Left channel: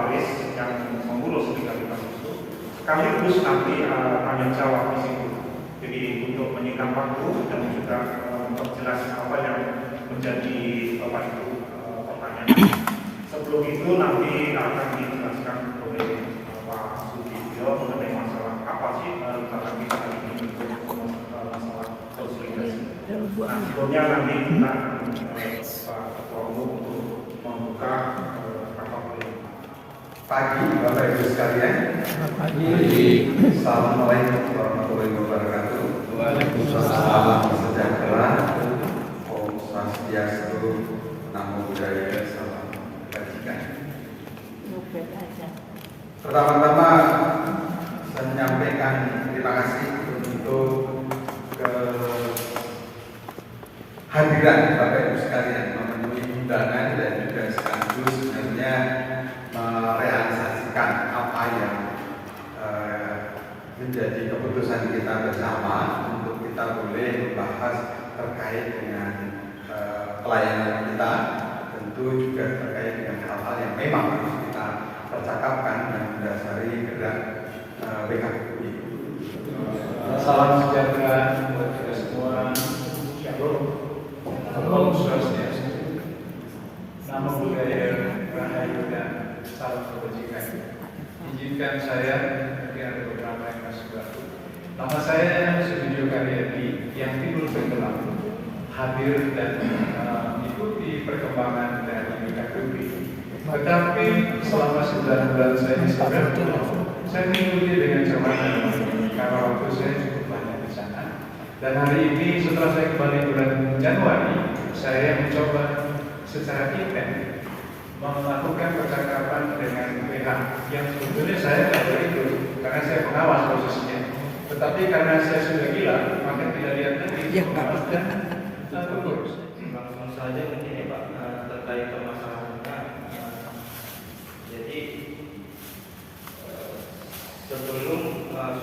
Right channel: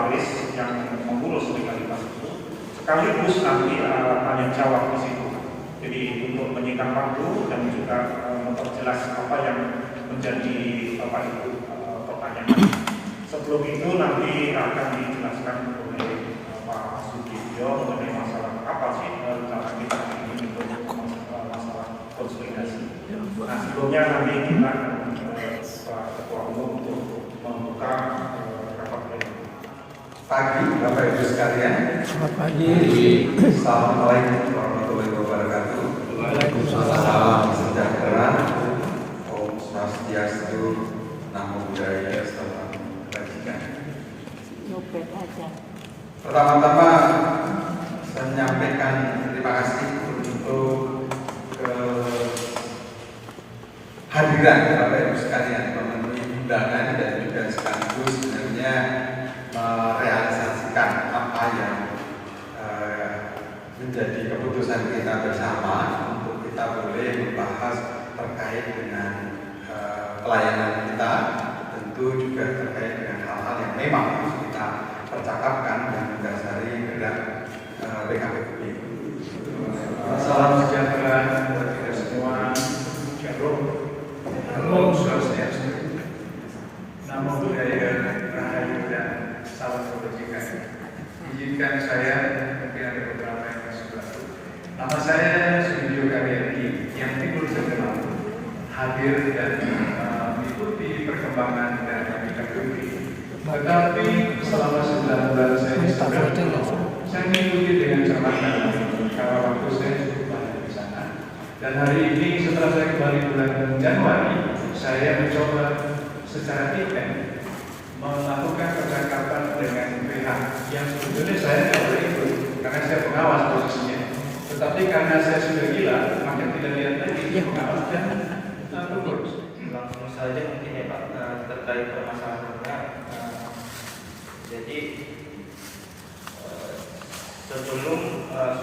pewaris yang mengurus legalitas itu, sekaligus nanti tanya jawab di situ. Jadi untuk menyingkat waktu dan juga memperjelas apa yang menjadi pertanyaan. Sebelum itu nanti akan dijelaskan oleh Pak Sudibyo mengenai masalah apa sih cara kita ini untuk masalah konsolidasi. Nah, sebelumnya nanti kita Pak Ketua Umum untuk membuka rapat pleno. Pagi Bapak Ibu sekalian. Selamat pagi. Assalamualaikum warahmatullahi wabarakatuh. Waalaikumsalam. Sejahtera. Om Swastiastu. Namo Buddhaya. Salam kebajikan. Pertama-tama saya menyampaikan terima kasih untuk kehadiran Bapak Ibu sekalian memenuhi undangan dan juga sekaligus sebenarnya merealisasikan apa yang menjadi keputusan kita bersama untuk kita boleh membahas terkait dengan pelayanan kita, tentu juga terkait dengan hal-hal yang memang harus kita percakapkan yang mendasari gerak PKPUI. Salam sejahtera buat kita semua. Shalom. Om Swastiastu. Namo Buddhaya, Rahayu dan salam kebajikan. Izinkan saya, mungkin ada beberapa yang masih baru. Nama saya Sudibyo Karyadi yang timbul tenggelam, hadir dan mengikuti perkembangan dan PKPUI. Tetapi selama 9 bulan saya di sana, saya mengikuti dengan cermat dan karena waktu saya cukup banyak di sana. Dan hari ini setelah saya kembali bulan Januari, saya mencoba secara intens melakukan percakapan dengan pihak yang sebetulnya saya tidak boleh itu karena saya pengawas posisinya. Tetapi karena saya sudah gila, maka tidak lihat lagi pengawas dan pengurus. Langsung saja mungkin ya Pak terkait permasalahannya. Jadi sebelum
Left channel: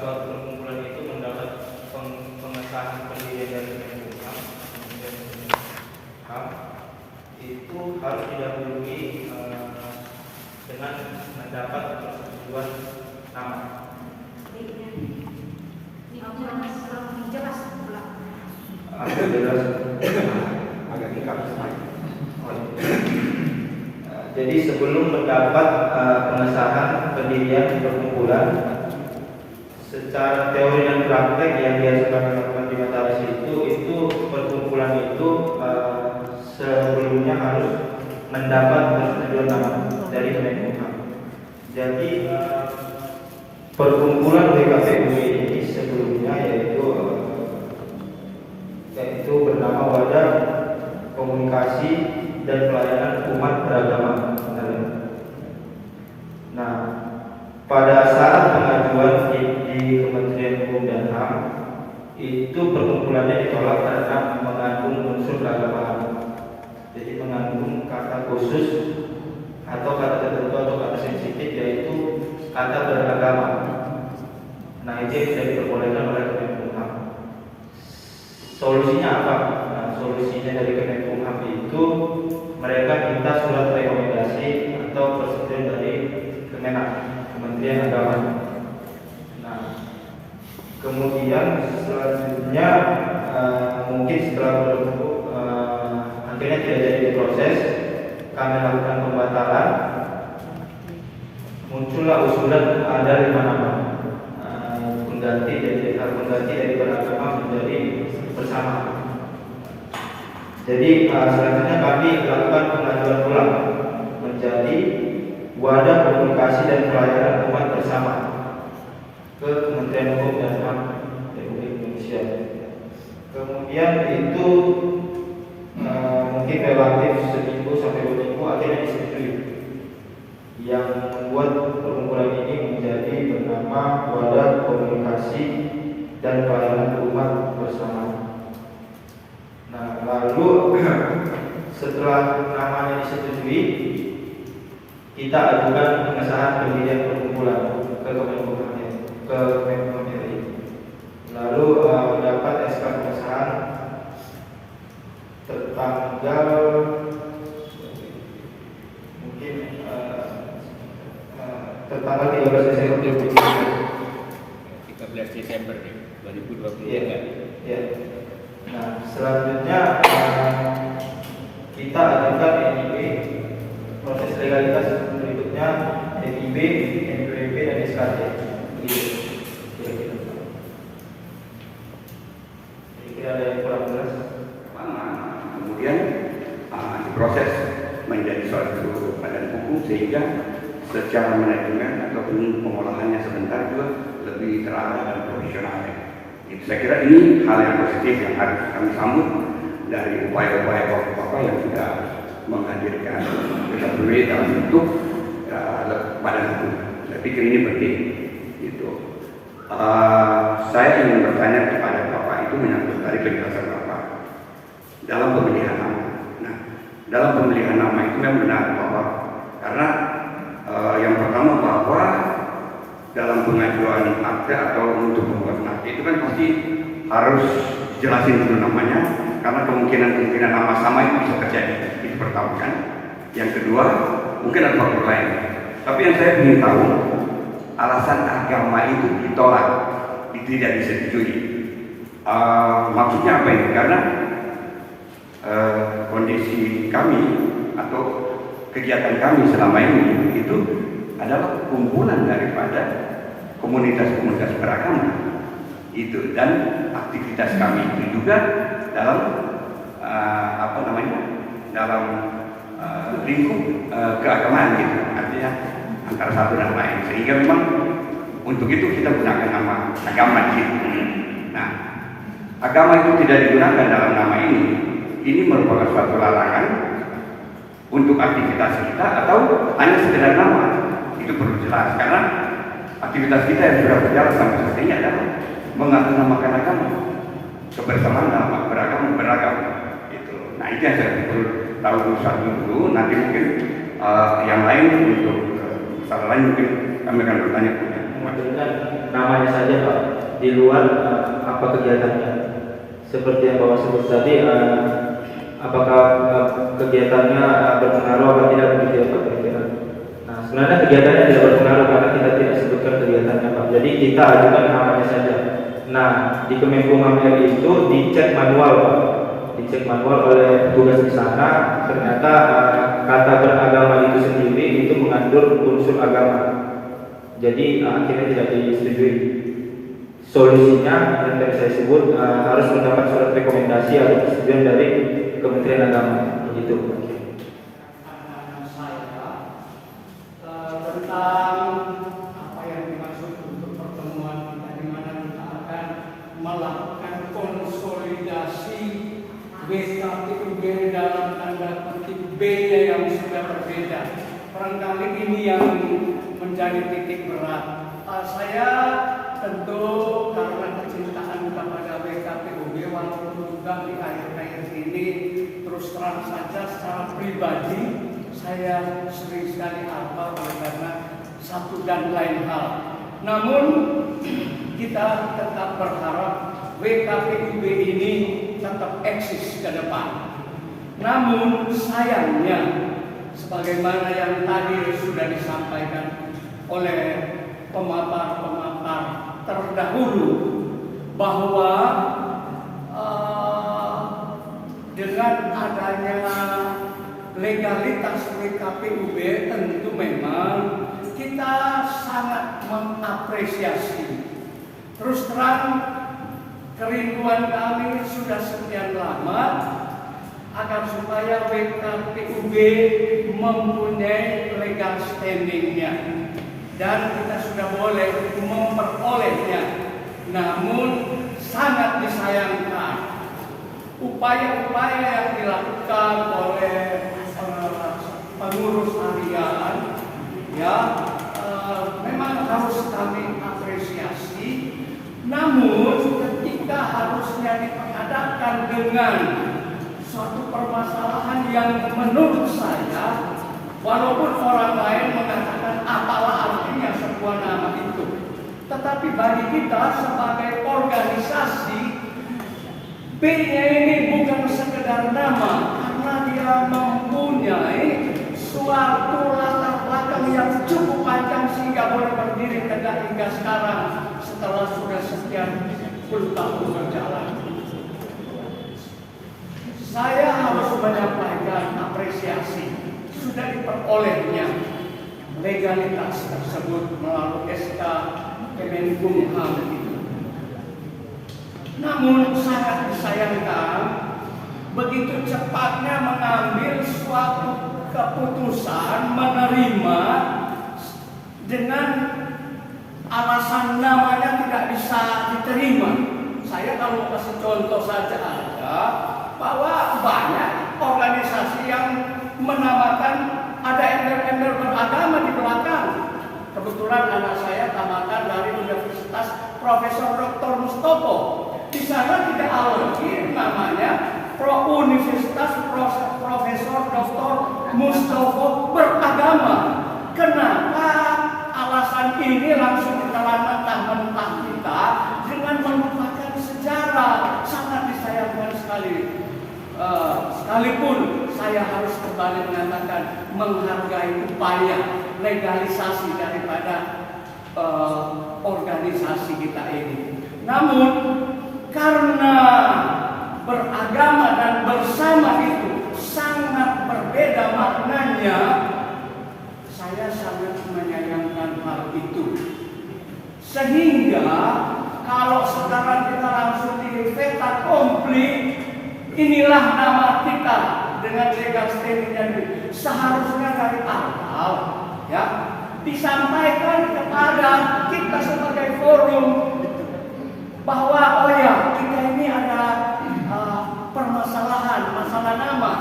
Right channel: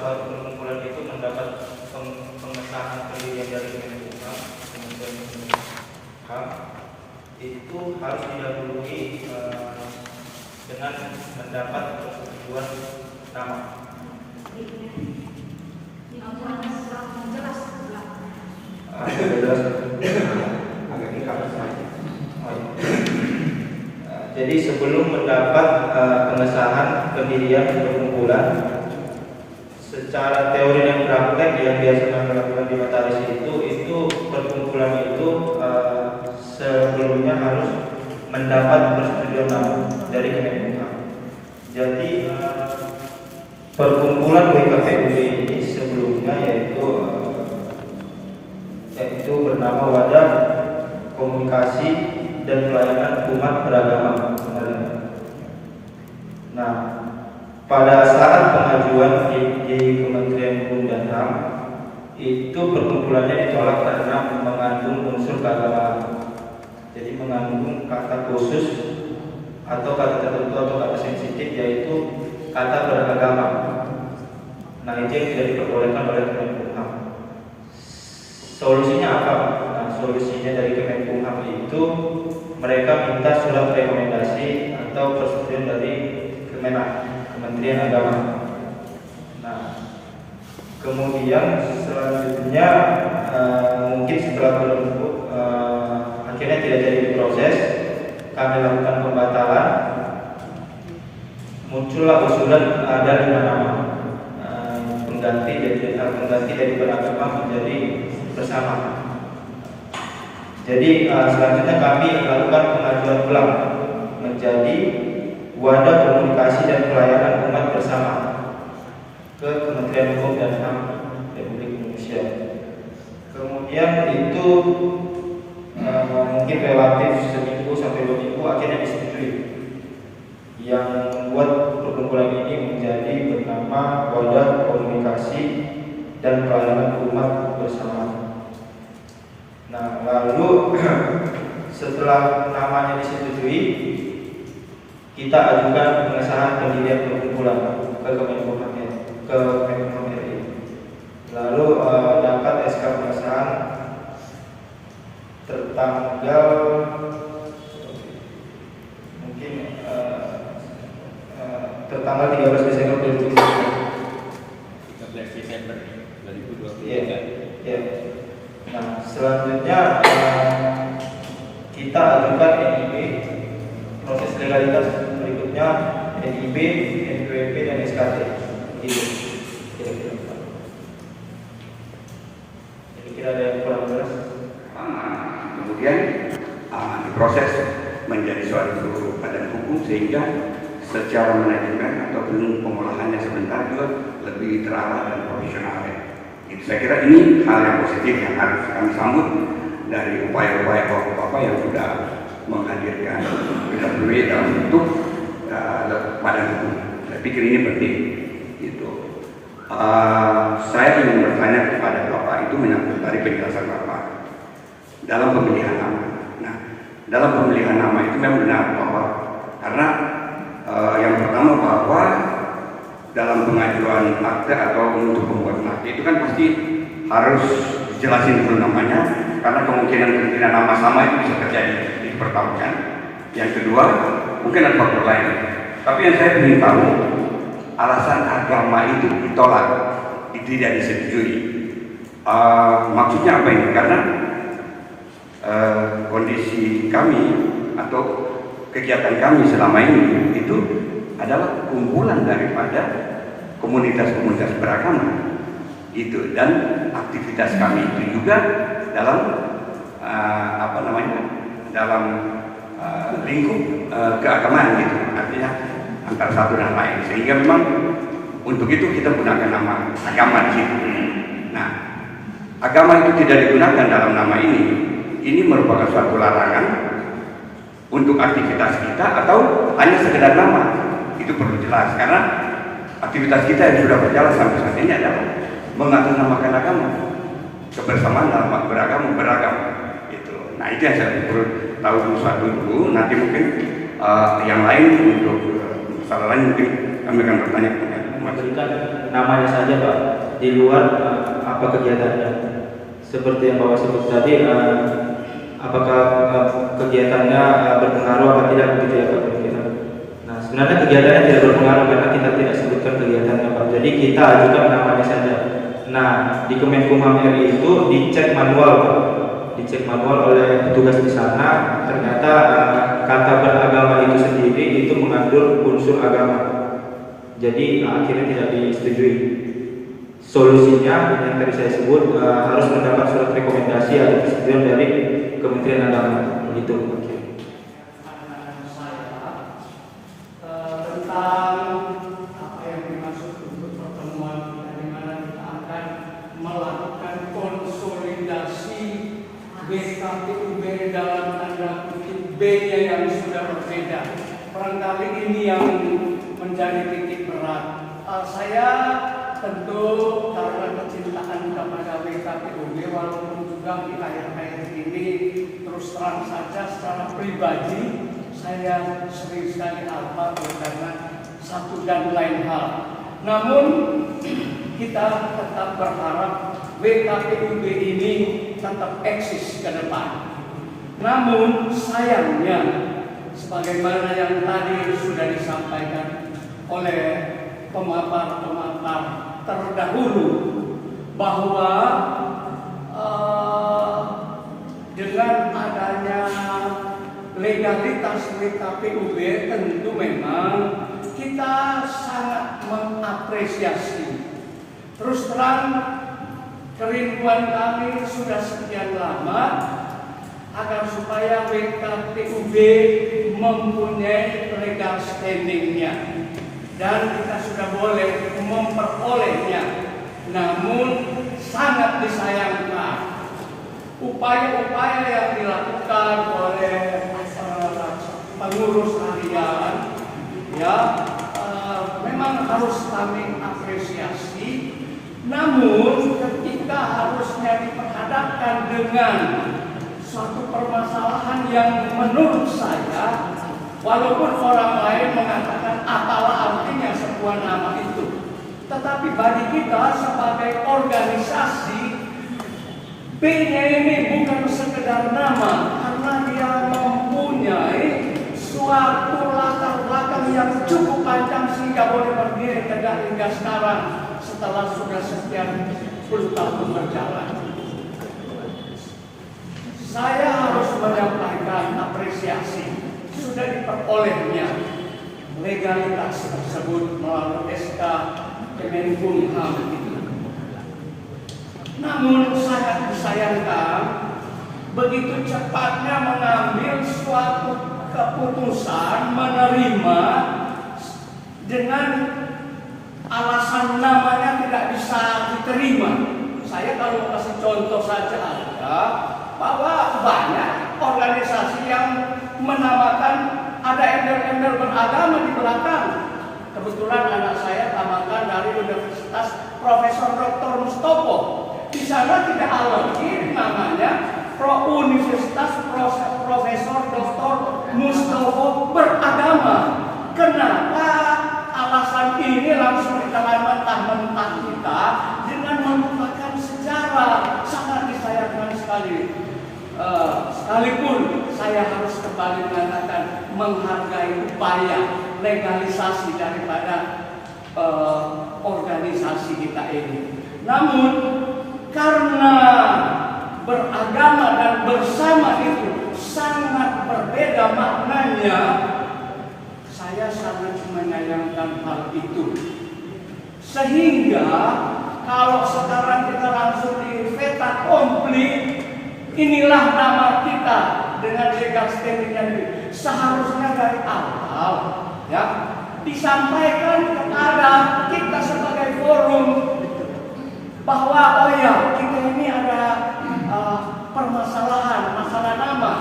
suatu pengumpulan itu mendapat pengesahan pendirian dari Kemenkumham, kemudian HAM, itu harus didahului dengan mendapat persetujuan nama. Jadi sebelum mendapat pengesahan pendirian perkumpulan, secara teori dan praktek yang biasa kami lakukan di Mataris itu perkumpulan itu sebelumnya harus mendapat persetujuan nama dari Kemenkumham. Jadi perkumpulan WKPUI ini sebelumnya yaitu bernama Wadah Komunikasi dan Pelayanan Umat Beragama. Nah, pada saat pengajuan di Kementerian Hukum dan HAM itu perkumpulannya ditolak karena mengandung unsur keagamaan. Jadi mengandung kata khusus atau kata tertentu atau kata sensitif yaitu kata beragama. Nah, itu yang tidak diperbolehkan oleh Kemenkumham. Solusinya apa? Nah, solusinya dari Kemenkumham itu mereka minta surat rekomendasi atau persetujuan dari Kementerian Agama. Nah, kemudian selanjutnya mungkin setelah berlaku akhirnya tidak jadi diproses, kami lakukan pembatalan. Muncullah usulan ada 5 nama pengganti dari beragama menjadi bersama. Jadi selanjutnya kami lakukan pengajuan ulang menjadi Wadah Komunikasi dan Pelayanan Umat Bersama ke Kementerian Hukum dan HAM Republik Indonesia. Kemudian itu mungkin relatif seminggu sampai 2 minggu akhirnya disetujui, yang membuat perkumpulan ini menjadi bernama Wadah Komunikasi dan Pelayanan Umat Bersama. Nah, lalu setelah namanya disetujui, kita ajukan pengesahan pendirian perkumpulan ke Kemenkumham RI. Lalu dapat SK pengesahan tertanggal mungkin tertanggal 13 Desember 2023. 13 Desember 2023. Iya. Ya. Nah, selanjutnya kita ajukan NIB. Proses legalitas berikutnya NIB, NPWP dan SKT. Gitu. Kira-kira ada yang kurang jelas? Kemudian diproses menjadi suatu badan hukum sehingga secara manajemen ataupun pengolahannya sebentar juga lebih terarah dan profesional. Itu saya kira ini hal yang positif yang harus kami sambut dari upaya-upaya bapak-bapak yang sudah menghadirkan PKPW dalam bentuk badan hukum. Saya pikir ini penting. Gitu. Saya ingin bertanya kepada bapak itu menyangkut dari penjelasan bapak dalam pemilihan nama. Nah, dalam pemilihan nama itu memang benar bahwa karena yang pertama bahwa dalam pengajuan akte atau untuk membuat akte itu kan pasti harus jelasin dulu namanya karena kemungkinan nama sama itu bisa terjadi di pertahuan. Yang kedua mungkin ada faktor lain. Tapi yang saya ingin tahu alasan agama itu ditolak, itu tidak disetujui. Maksudnya apa ini? Karena kondisi kami atau kegiatan kami selama ini itu adalah kumpulan daripada komunitas-komunitas beragama itu, dan aktivitas kami itu juga dalam dalam lingkup keagamaan gitu, artinya antara satu dan lain, sehingga memang untuk itu kita gunakan nama agama di situ. Nah, agama itu tidak digunakan dalam nama ini merupakan suatu larangan untuk aktivitas kita atau hanya sekedar nama. Itu perlu jelas karena aktivitas kita yang sudah berjalan sampai saat ini adalah mengatasnamakan agama, kebersamaan dalam beragam. Gitu. Nah, itu yang saya perlu tahu dulu. Nanti mungkin yang lain untuk masalah lain mungkin kami akan bertanya. Maksudnya namanya saja Pak, di luar apa kegiatannya? Seperti yang Bapak sebut tadi, apakah kegiatannya berpengaruh atau tidak begitu ya Pak? Nah, sebenarnya kegiatannya tidak berpengaruh karena kita tidak sebutkan kegiatannya Pak. Jadi kita ajukan namanya saja. Nah, di Kemenkumham RI itu dicek manual Pak. Dicek manual oleh petugas di sana, ternyata kata beragama itu sendiri itu mengandung unsur agama. Jadi akhirnya tidak disetujui. Solusinya yang tadi saya sebut harus mendapat surat rekomendasi atau persetujuan dari Kementerian Agama. Begitu. Tentang apa yang dimaksud untuk pertemuan kita, di mana kita akan melakukan konsolidasi BKPUB dalam tanda kutip B-nya yang sudah berbeda. Barangkali ini yang menjadi titik berat. Saya tentu karena kecintaan kepada WKPUB, walaupun juga di akhir-akhir ini terus terang saja secara pribadi saya sering sekali apa karena satu dan lain hal. Namun kita tetap berharap WKPUB ini tetap eksis ke depan. Namun sayangnya, sebagaimana yang tadi sudah disampaikan oleh pemapar-pemapar terdahulu, bahwa dengan adanya legalitas WKPUB tentu memang kita sangat mengapresiasi. Terus terang, kerinduan kami sudah sekian lama agar supaya WKPUB mempunyai legal standingnya, dan kita sudah boleh memperolehnya. Namun sangat disayangkan upaya-upaya yang dilakukan oleh pengurus harian, memang harus kami apresiasi. Namun ketika harusnya diperhadapkan dengan suatu permasalahan yang menurut saya, walaupun orang lain mengatakan apalah artinya sebuah nama itu, tetapi bagi kita sebagai organisasi, B-nya ini bukan sekedar nama, karena dia mempunyai suatu latar belakang yang cukup panjang sehingga boleh berdiri tegak hingga sekarang setelah sudah sekian puluh tahun berjalan. Saya harus menyampaikan apresiasi sudah diperolehnya legalitas tersebut melalui SK Kemenkumham. Namun sangat disayangkan begitu cepatnya mengambil suatu keputusan menerima dengan alasan namanya tidak bisa diterima. Saya kalau kasih contoh saja ada bahwa banyak organisasi yang menamakan ada embel-embel beragama di belakang. Kebetulan anak saya tamatan dari Universitas Profesor Dr. Mustopo. Di sana tidak lagi namanya Universitas Profesor Dr. Mustopo beragama. Kenapa alasan ini langsung ditelan mentah-mentah kita dengan melupakan sejarah? Sangat disayangkan sekali. Sekalipun saya harus kembali mengatakan menghargai upaya legalisasi daripada organisasi kita ini. Namun karena beragama dan bersama itu sangat berbeda maknanya, saya sangat menyayangkan hal itu. Sehingga kalau sekarang kita langsung di fait accompli, inilah nama kita dengan legal standing, seharusnya dari awal ya disampaikan kepada kita sebagai forum bahwa oh ya kita ini ada permasalahan masalah nama.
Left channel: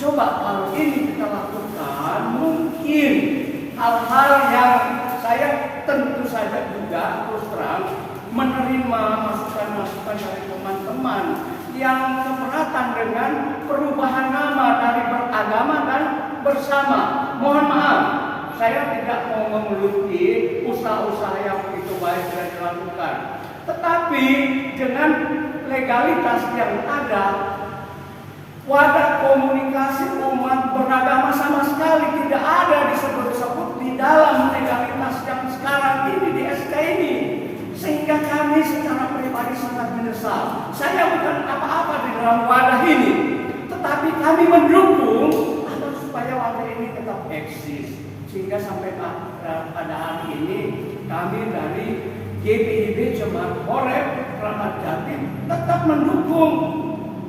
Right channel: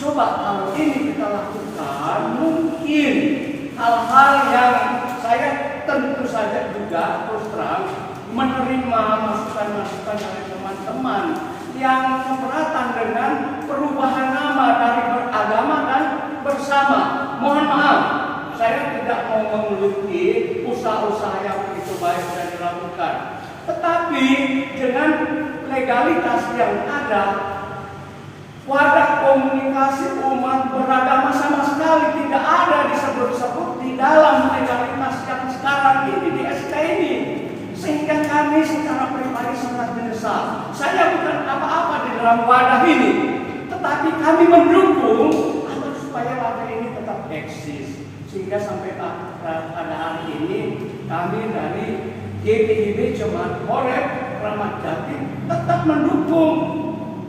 Coba kalau ini kita lakukan, mungkin hal-hal yang saya tentu saja juga terus terang menerima masukan-masukan dari teman-teman yang keberatan dengan perubahan nama dari beragama dan bersama. Mohon maaf, saya tidak mau mengeluti usaha-usaha yang begitu baik yang dilakukan. Tetapi dengan legalitas yang ada, wadah komunikasi umat beragama sama sekali tidak ada disebut-sebut di dalam legalitas yang sekarang ini di SK ini. Sehingga kami secara pribadi sangat menyesal. Saya bukan apa-apa di dalam wadah ini, tetapi kami mendukung agar supaya wadah ini tetap eksis. Sehingga sampai pada hari ini kami dari GPIB Jemaat Horeb Kramat Jati tetap mendukung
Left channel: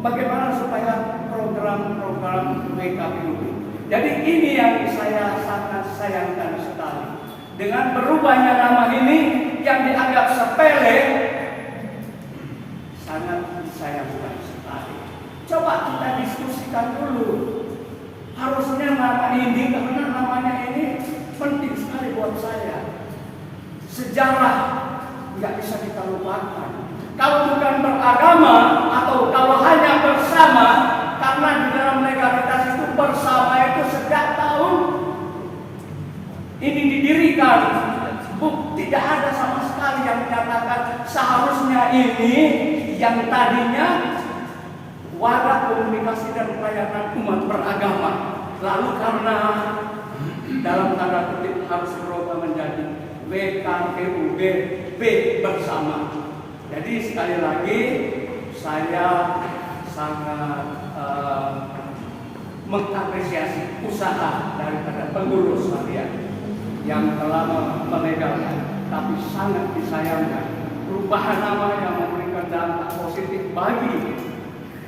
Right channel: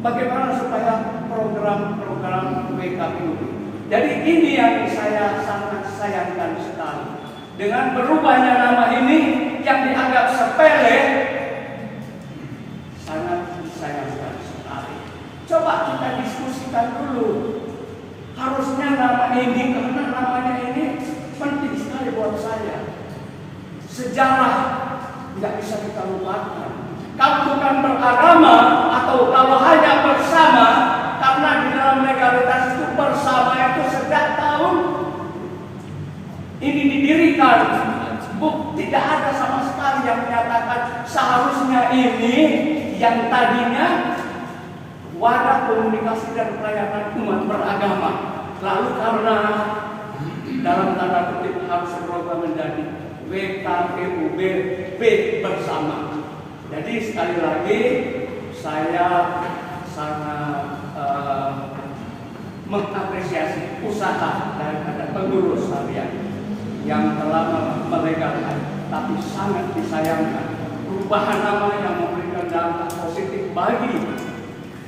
bagaimana supaya program-program WKPUB. Jadi ini yang saya sangat sayangkan sekali. Dengan berubahnya nama ini yang dianggap sepele, sangat disayangkan sekali. Coba kita diskusikan dulu. Harusnya nama ini, karena namanya ini penting sekali buat saya. Sejarah nggak bisa kita lupakan. Kalau bukan beragama atau kalau hanya bersama, karena di dalam legalitas itu bersama itu sejak tahun ini didirikan, tidak ada sama sekali yang menyatakan seharusnya ini yang tadinya wadah komunikasi dan pelayanan umat beragama, lalu karena dalam tanda kutip harus berubah menjadi WKPUB B bersama. Jadi sekali lagi saya sangat mengapresiasi usaha daripada pengurus harian yang telah melegalkan, tapi sangat disayangkan perubahan nama yang memberikan dampak positif bagi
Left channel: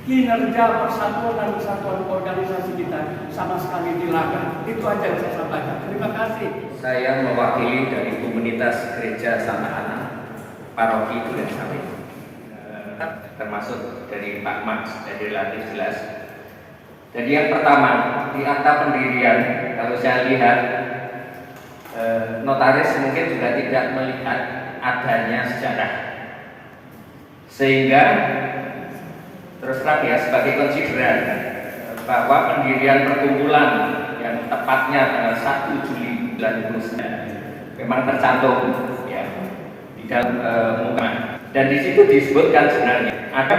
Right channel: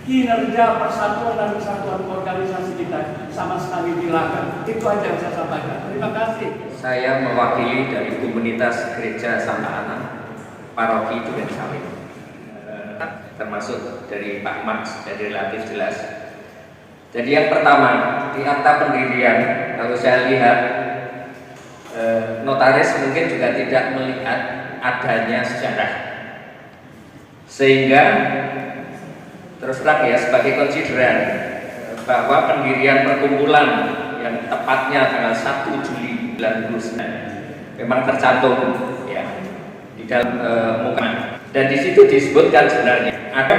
kinerja persatuan dan kesatuan organisasi kita sama sekali dilanggar. Itu aja yang saya sampaikan. Terima kasih. Saya mewakili dari komunitas Gereja Santa Ana, Paroki Duren Sawit, termasuk dari Pak Max, jadi relatif jelas. Jadi yang pertama, di akta pendirian, kalau saya lihat notaris mungkin juga tidak melihat adanya sejarah, sehingga terus terang ya sebagai konsideran bahwa pendirian perkumpulan yang tepatnya tanggal 1 Juli 1999 memang tercantum ya di dalam muka, dan di situ disebutkan sebenarnya ada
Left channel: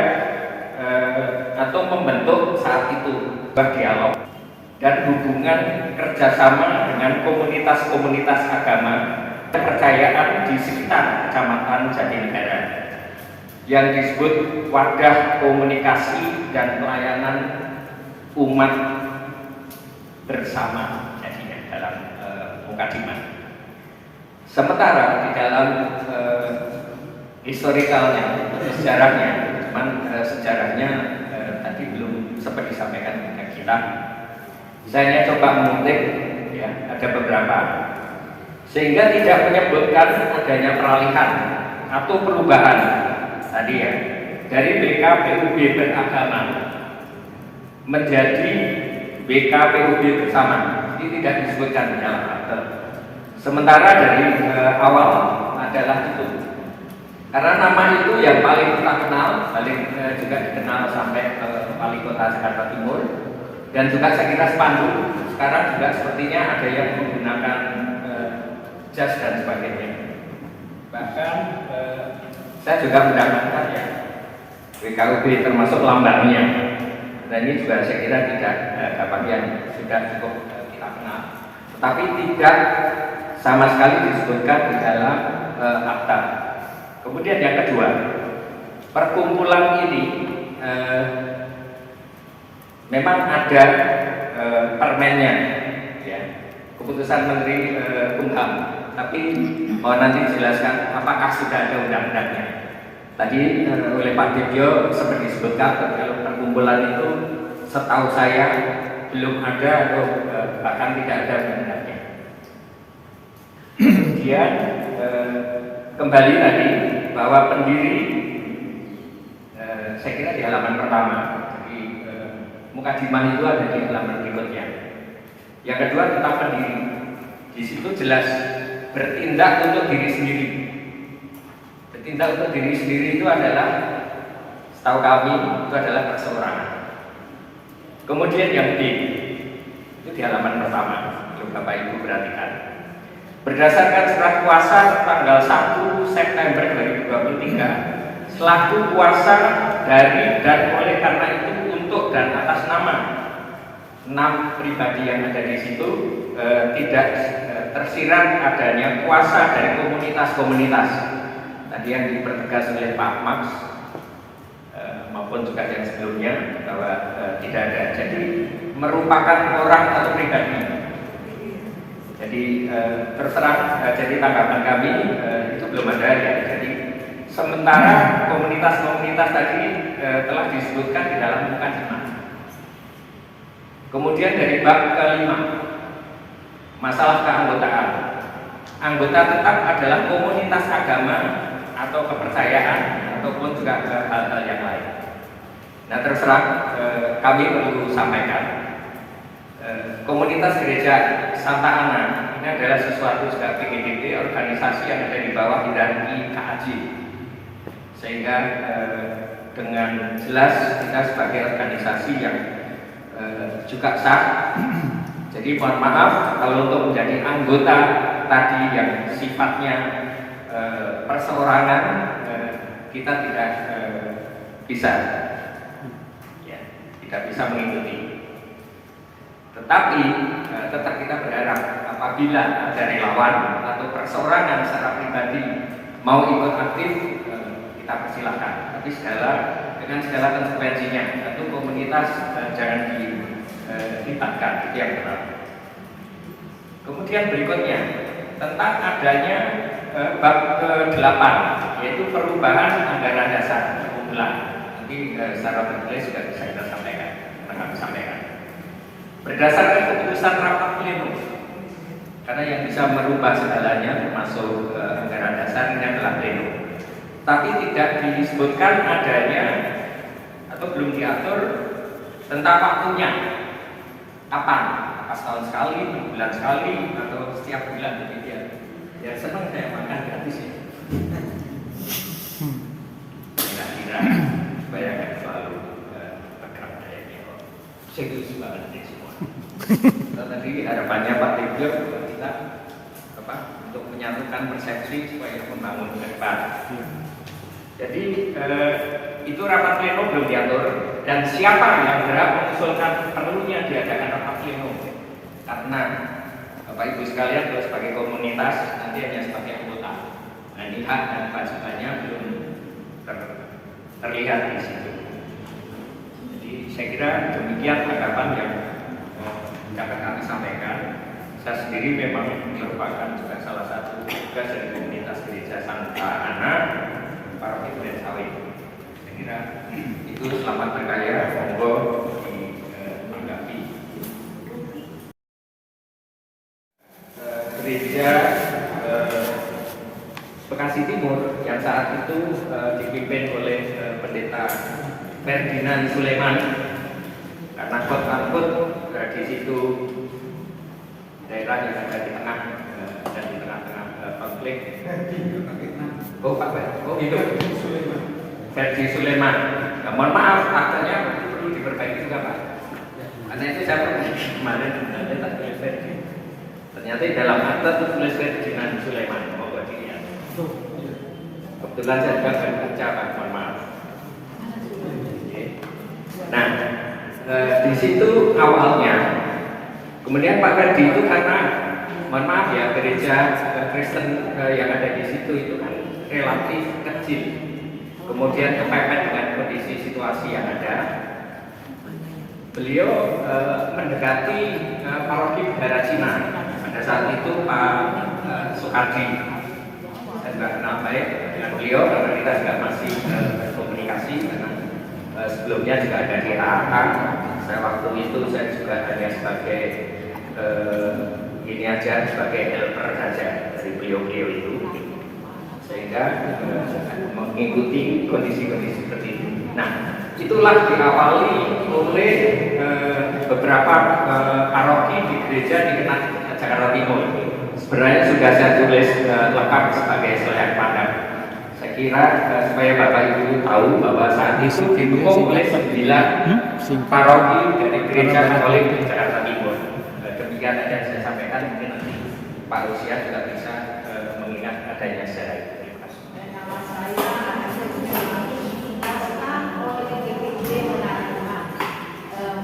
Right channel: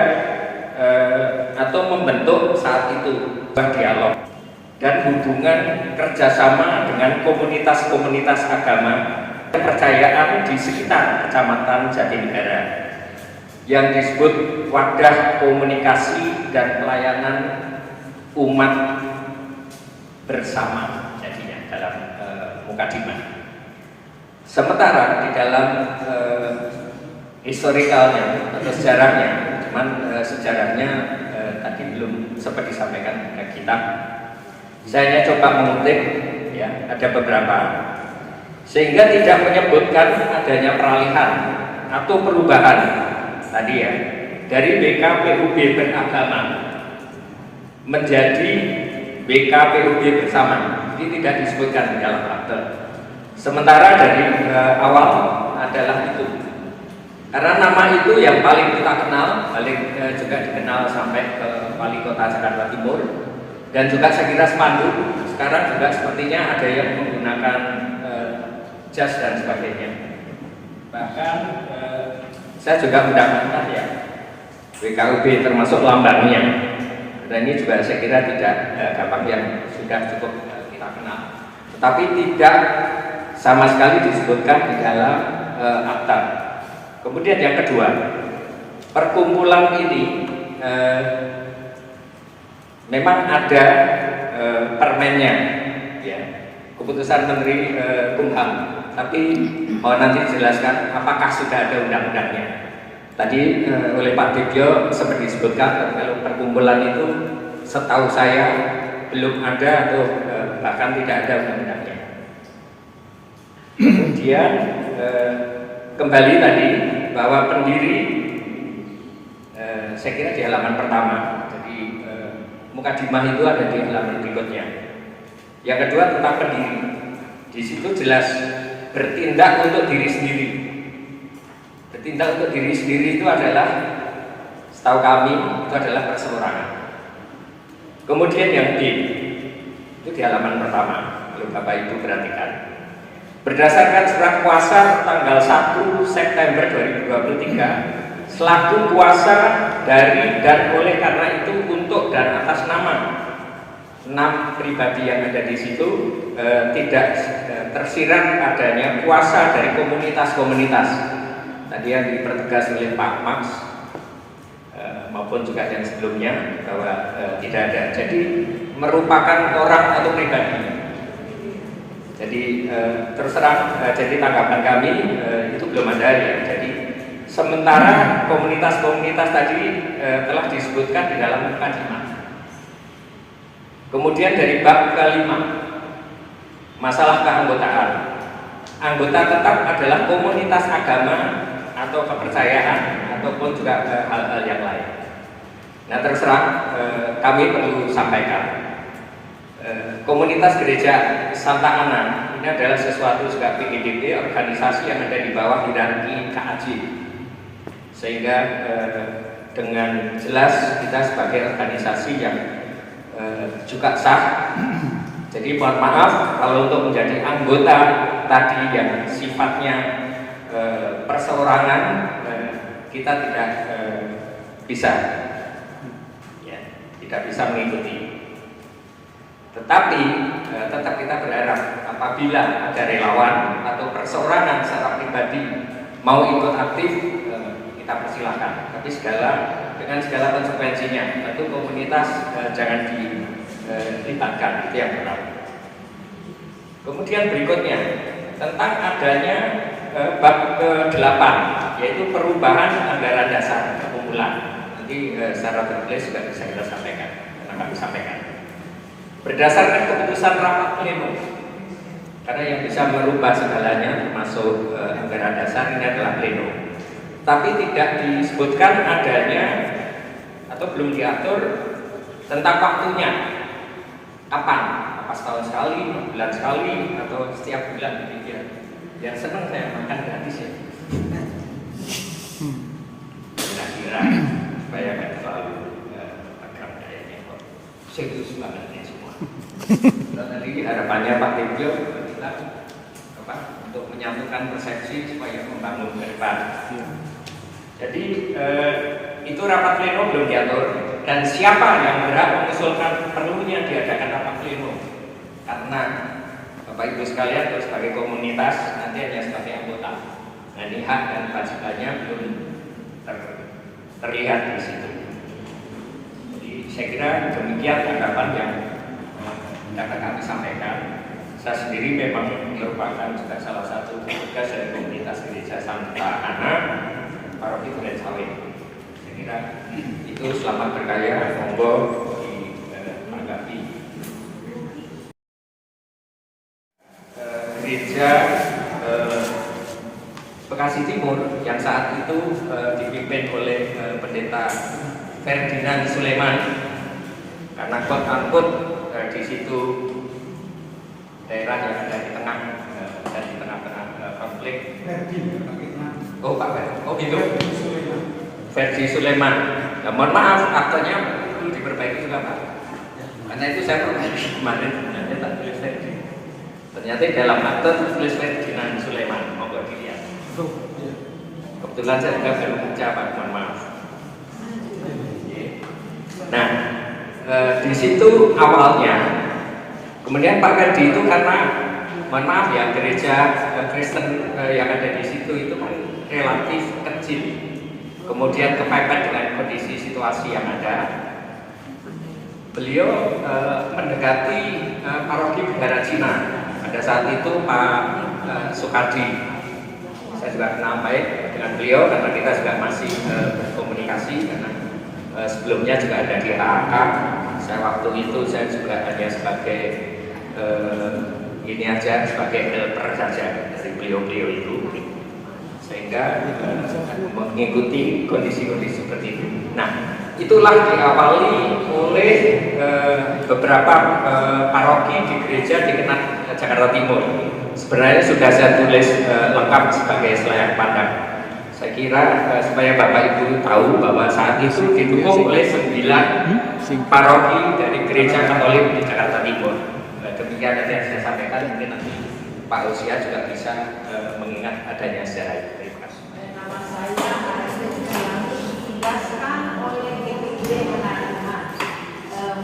atau membentuk saat itu dialog dan hubungan kerjasama dengan komunitas-komunitas agama kepercayaan di sekitar Kecamatan Jatinegara yang disebut wadah komunikasi dan pelayanan umat bersama jadinya dalam mukadimah. Sementara di dalam historikalnya atau sejarahnya, cuman sejarahnya tadi belum sempat disampaikan ke kita. Saya coba mengutip, ya, ada beberapa, sehingga tidak menyebutkan adanya peralihan atau perubahan tadi ya dari BKPUB beragama menjadi BKPUB bersama. Ini tidak disebutkan di dalam akte. Sementara dari awal adalah itu. Karena nama itu yang paling kita kenal, paling juga dikenal sampai ke Wali Kota Jakarta Timur, dan juga saya kira spanduk. Sekarang juga sepertinya ada yang menggunakan jas dan sebagainya. Bahkan saya juga mendapatkan ya BKUB termasuk lambangnya. Dan ini juga saya kira tidak gampang yang sudah cukup kita kenal. Tetapi tidak sama sekali disebutkan di dalam akta. Kemudian yang kedua, perkumpulan ini memang ada permennya, ya, keputusan Menteri Kumham. Tapi mau nanti dijelaskan apakah sudah ada undang-undangnya. Tadi oleh Pak Dibyo seperti disebutkan kalau perkumpulan itu setahu saya belum ada atau bahkan tidak ada undang-undangnya. Kemudian kembali tadi bahwa pendiri saya kira di halaman pertama, jadi mukadimah itu ada di halaman berikutnya. Yang kedua tentang pendiri, di situ jelas bertindak untuk diri sendiri. Bertindak untuk diri sendiri itu adalah, setahu kami itu adalah perseorangan. Kemudian yang D itu di halaman pertama, kalau Bapak Ibu perhatikan. Berdasarkan surat kuasa tanggal 1 September 2023 selaku kuasa dari dan oleh karena itu untuk dan atas nama 6 pribadi yang ada di situ tidak tersirat adanya kuasa dari komunitas-komunitas tadi yang dipertegas oleh Pak Max maupun juga yang sebelumnya bahwa tidak ada. Jadi merupakan orang atau pribadi. Jadi terserah, jadi tanggapan kami itu belum ada ya. Jadi sementara komunitas-komunitas tadi telah disebutkan di dalam mukadimah. Kemudian dari bab kelima, masalah keanggotaan. Anggota tetap adalah komunitas agama atau kepercayaan ataupun juga hal-hal yang lain. Nah terserah, kami perlu sampaikan. Komunitas Gereja Santa Ana ini adalah sesuatu juga PGDP, organisasi yang ada di bawah hierarki KAJ, sehingga dengan jelas kita sebagai organisasi yang juga sah. Jadi mohon maaf kalau untuk menjadi anggota tadi yang sifatnya perseorangan kita tidak bisa, ya, tidak bisa mengikuti. Tetapi tetap kita berharap apabila ada relawan atau perseorangan secara pribadi mau ikut aktif, kita persilahkan. Tapi dengan segala konsekuensinya, tentu komunitas jangan dilibatkan, itu yang benar. Kemudian berikutnya tentang adanya bab ke-8, yaitu perubahan anggaran dasar perkumpulan. Nanti secara tertulis sudah bisa kita sampaikan, akan disampaikan. Berdasarkan keputusan rapat pleno, karena yang bisa merubah segalanya termasuk anggaran dasar ini adalah pleno. Tapi tidak disebutkan adanya atau belum diatur tentang waktunya, kapan, apa setahun sekali, 6 bulan sekali, atau setiap bulan demikian. Ya senang saya makan gratis ya. Kira-kira supaya nggak terlalu tegang kayak gitu. Serius banget ini semua. Tadi harapannya Pak Dibyo kita untuk menyatukan persepsi supaya membangun ke depan. Jadi itu rapat pleno belum diatur Dan siapa yang berhak mengusulkan perlunya diadakan rapat pleno? Karena Bapak Ibu sekalian, sebagai komunitas nanti hanya sebagai anggota. Nah, ini hak dan kewajibannya belum terlihat di situ. Jadi saya kira demikian tanggapan yang dapat kami sampaikan. Saya sendiri memang merupakan juga salah satu tugas dari komunitas gereja Santa Ana Paroki Duren Sawit. Saya kira itu selamat berkarya, monggo ditanggapi. Gereja Bekasi Timur yang saat itu dipimpin oleh pendeta Ferdinand Suleman, karena kot di situ daerah yang ada di tengah dan di tengah-tengah konflik. Oh Pak Fer, oh itu Ferdi Suleman. Ya, mohon maaf, katanya perlu diperbaiki juga Pak. Karena itu saya perbaiki kemarin ternyata tak tulis Ferdi. Ternyata dalam akte tulis Ferdinand Suleman. Mohon dilihat. Kebetulan saya juga baru baca Pak, mohon maaf. Nah, di situ awalnya. Kemudian Pak Ferdi itu karena, mohon maaf ya, gereja Kristen yang ada di situ itu kan relatif kecil. Kemudian kepepet dengan kondisi situasi yang ada. Beliau mendekati paroki Bendara Cina. Pada saat itu Pak Sukadi. Saya juga kenal baik dengan beliau karena kita juga masih komunikasi. Karena sebelumnya juga ada di AAK. Saya waktu itu saya juga hanya sebagai ini aja, sebagai helper saja dari beliau-beliau itu, sehingga mengikuti kondisi-kondisi seperti itu. Nah, itulah diawali oleh beberapa paroki di gereja di Jakarta Timur. Sebenarnya sudah saya tulis lengkap sebagai selayak pandang. Saya kira supaya Bapak Ibu tahu bahwa saat itu didukung oleh 9 paroki dari gereja Katolik di Jakarta Timur. Demikian yang saya sampaikan, mungkin nanti Pak Usia juga bisa mengingat adanya sejarah itu. Nama saya ditugaskan oleh DPIB Manarima.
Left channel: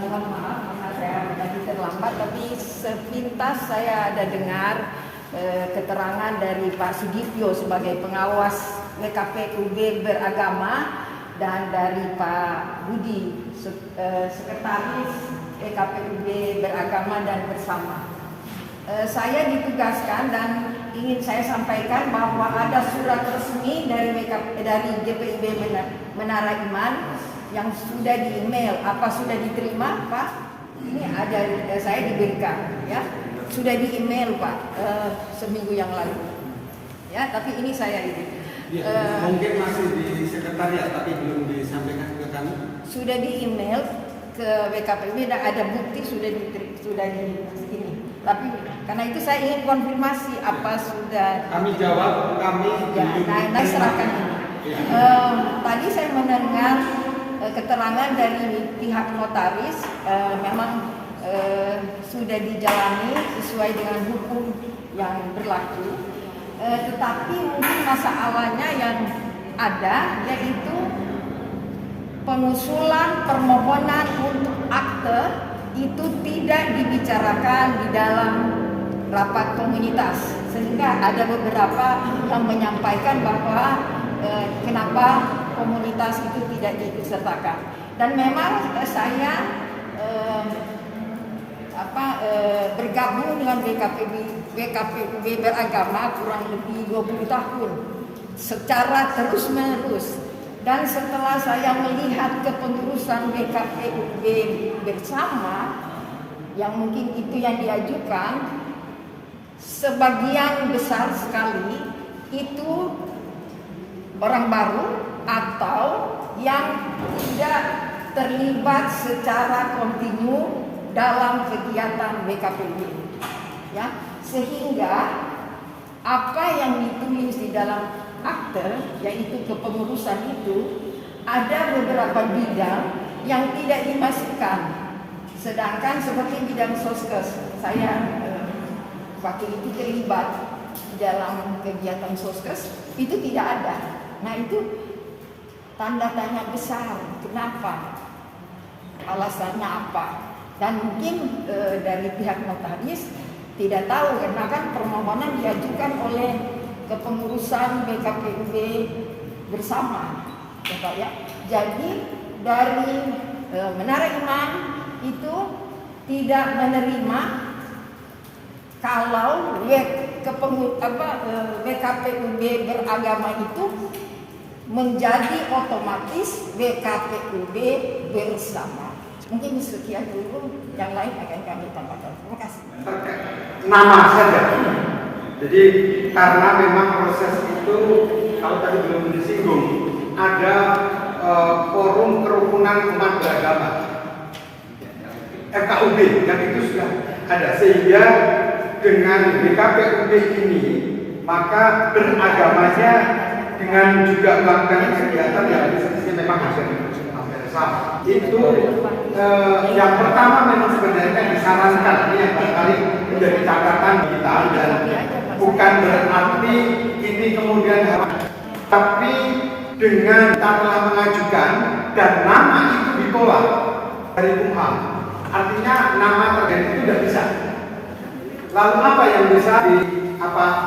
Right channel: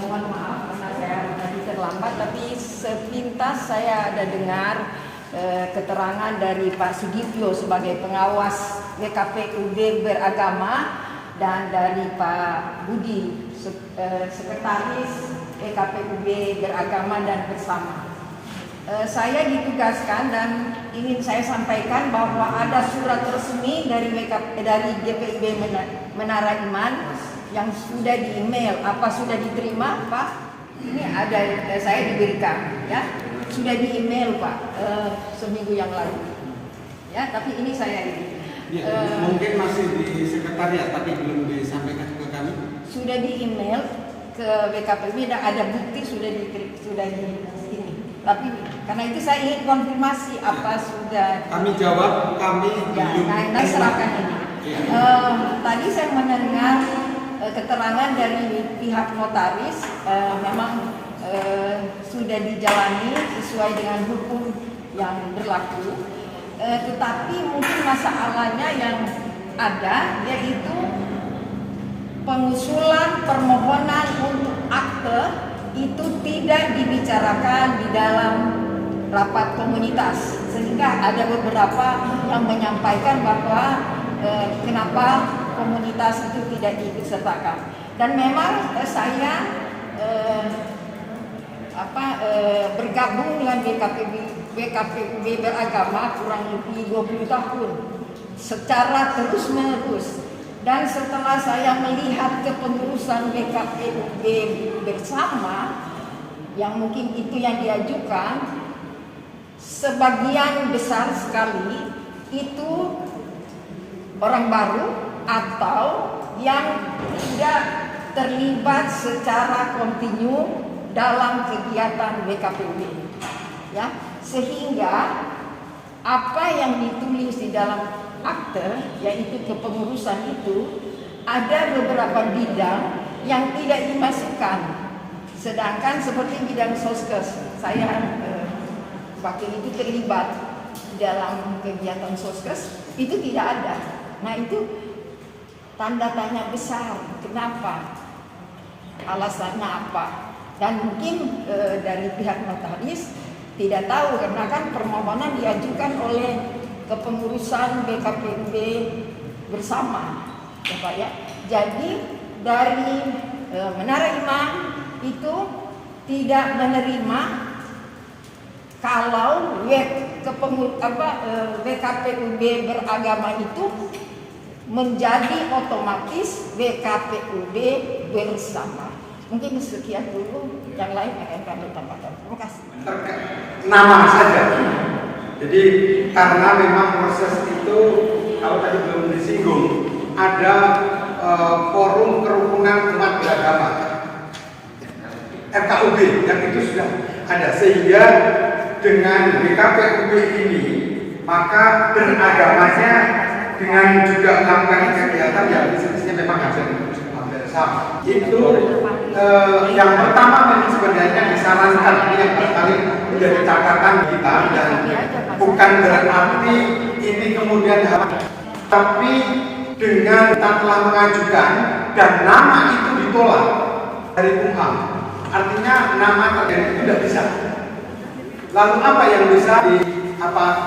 Mohon maaf karena saya tadi terlambat, tapi sepintas saya ada dengar keterangan dari Pak Sigitio sebagai pengawas WKPUB beragama dan dari Pak Budi sekretaris WKPUB beragama dan bersama. Saya ditugaskan dan ingin saya sampaikan bahwa ada surat resmi dari GPIB Menara Iman yang sudah di email. Apa sudah diterima, Pak? Ini ada, saya diberikan, ya. Sudah di email, Pak, seminggu yang lalu. Ya, tapi ini saya ini. Mungkin masih di sekretariat tapi belum disampaikan ke kami. Sudah di email ke WKPUB dan ada bukti sudah di ini. Tapi karena itu saya ingin konfirmasi apa sudah. Kami jawab, kami ya, nah serahkan ini. Tadi saya mendengar keterangan dari pihak notaris, memang sudah dijalani sesuai dengan hukum yang berlaku. Tetapi mungkin masalahnya yang ada yaitu pengusulan permohonan untuk akte itu tidak dibicarakan di dalam rapat komunitas, sehingga ada beberapa yang menyampaikan bahwa kenapa komunitas itu tidak diikut sertakan. Dan memang saya bergabung dengan WKPUB beragama kurang lebih 20 tahun secara terus-menerus. Dan setelah saya melihat kepengurusan WKPUB bersama, yang mungkin itu yang diajukan, sebagian besar sekali itu orang baru atau yang tidak terlibat secara kontinu dalam kegiatan WKPUB, ya, sehingga apa yang ditulis di dalam akte, yaitu kepengurusan itu, ada beberapa bidang yang tidak dimasukkan. Sedangkan seperti bidang soskes, saya wakil itu terlibat dalam kegiatan soskes, itu tidak ada. Nah itu tanda tanya besar, kenapa? alasannya apa. Dan mungkin dari pihak notaris tidak tahu karena kan permohonan diajukan oleh kepengurusan BKPUB bersama, ya Pak ya. Jadi dari Menara Imam itu tidak menerima kalau BKPUB beragama itu menjadi otomatis BKPUB bersama. Mungkin sekian dulu, yang lain akan kami tambahkan. Terima kasih. Nama saja. Jadi karena memang proses itu kalau tadi belum disinggung ada forum kerukunan umat beragama FKUB yang itu sudah ada, sehingga dengan BKPUB ini maka beragamanya dengan juga melakukan kegiatan yang bisnisnya memang hampir sama. Itu yang pertama memang sebenarnya disarankan, ini yang paling menjadi catatan kita, dan bukan berarti ini kemudian tapi dengan kita telah mengajukan dan nama itu ditolak dari Kumham, artinya nama terkait itu tidak bisa. Lalu apa yang bisa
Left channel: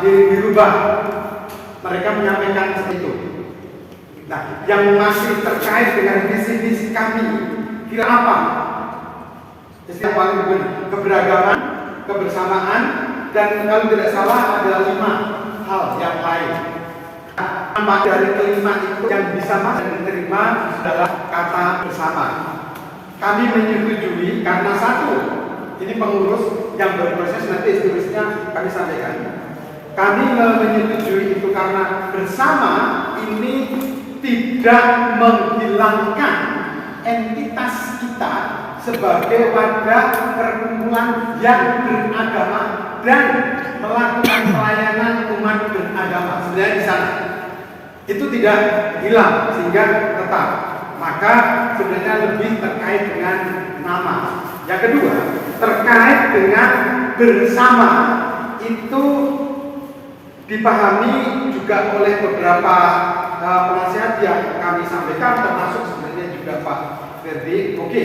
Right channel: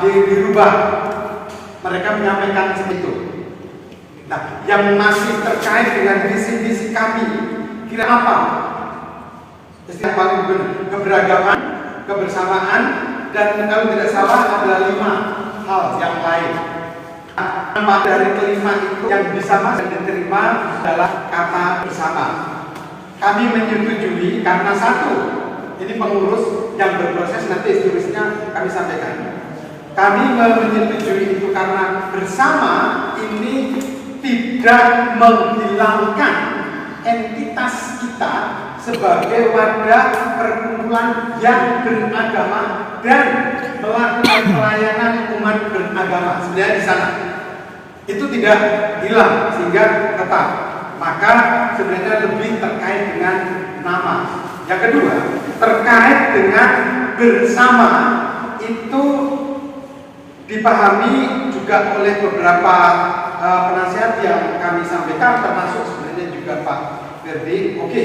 dirubah? Mereka menyampaikan seperti itu. Nah, yang masih terkait dengan visi-visi kami, kira apa? Istilah paling benar, keberagaman, kebersamaan, dan kalau tidak salah ada 5 hal yang lain. Nama dari kelima itu yang bisa masuk diterima adalah kata bersama. Kami menyetujui karena satu, ini pengurus yang berproses, nanti seterusnya kami sampaikan. Kami menyetujui itu karena bersama ini tidak menghilangkan entitas kita sebagai wadah perkumpulan yang beragama dan melakukan pelayanan umat beragama. Sebenarnya di sana itu tidak hilang sehingga tetap. Maka sebenarnya lebih terkait dengan nama. Yang kedua, terkait dengan bersama itu dipahami juga oleh beberapa penasihat yang kami sampaikan, termasuk sebenarnya juga Pak Ferdi. Oke,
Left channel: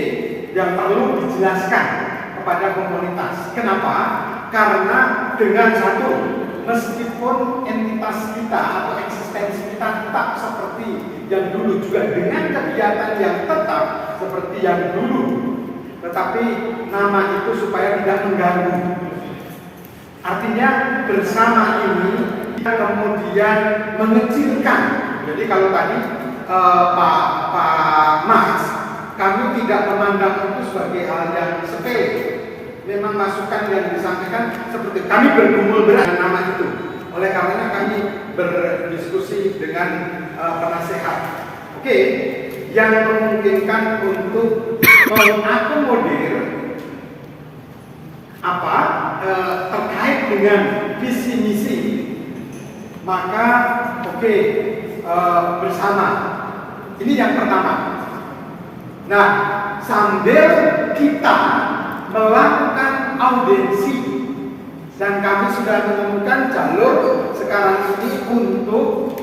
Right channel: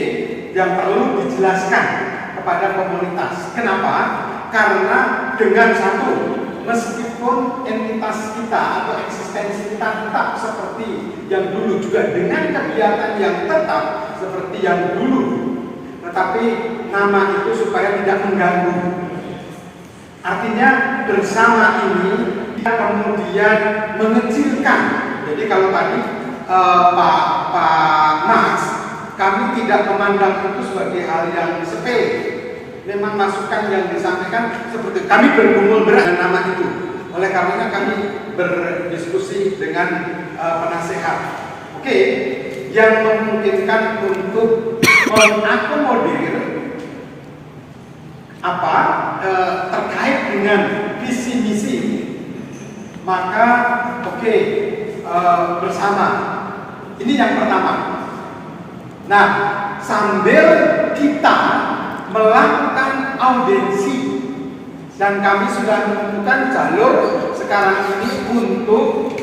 yang perlu dijelaskan kepada komunitas. Kenapa? Karena dengan satu, meskipun entitas kita atau eksistensi kita tetap seperti yang dulu, juga dengan kegiatan yang tetap seperti yang dulu, tetapi nama itu supaya tidak mengganggu. Artinya bersama ini kita kemudian mengecilkan. Jadi kalau tadi Pak Mas, kami tidak memandang itu sebagai hal yang sepele. Memang masukan yang disampaikan seperti kami bergumul berat dengan nama itu. Oleh karenanya kami berdiskusi dengan penasehat. Oke, yang memungkinkan untuk mengakomodir terkait dengan visi misi, maka bersama. Ini yang pertama. Nah, sambil kita melakukan audiensi, dan kami sudah menemukan jalur sekarang ini untuk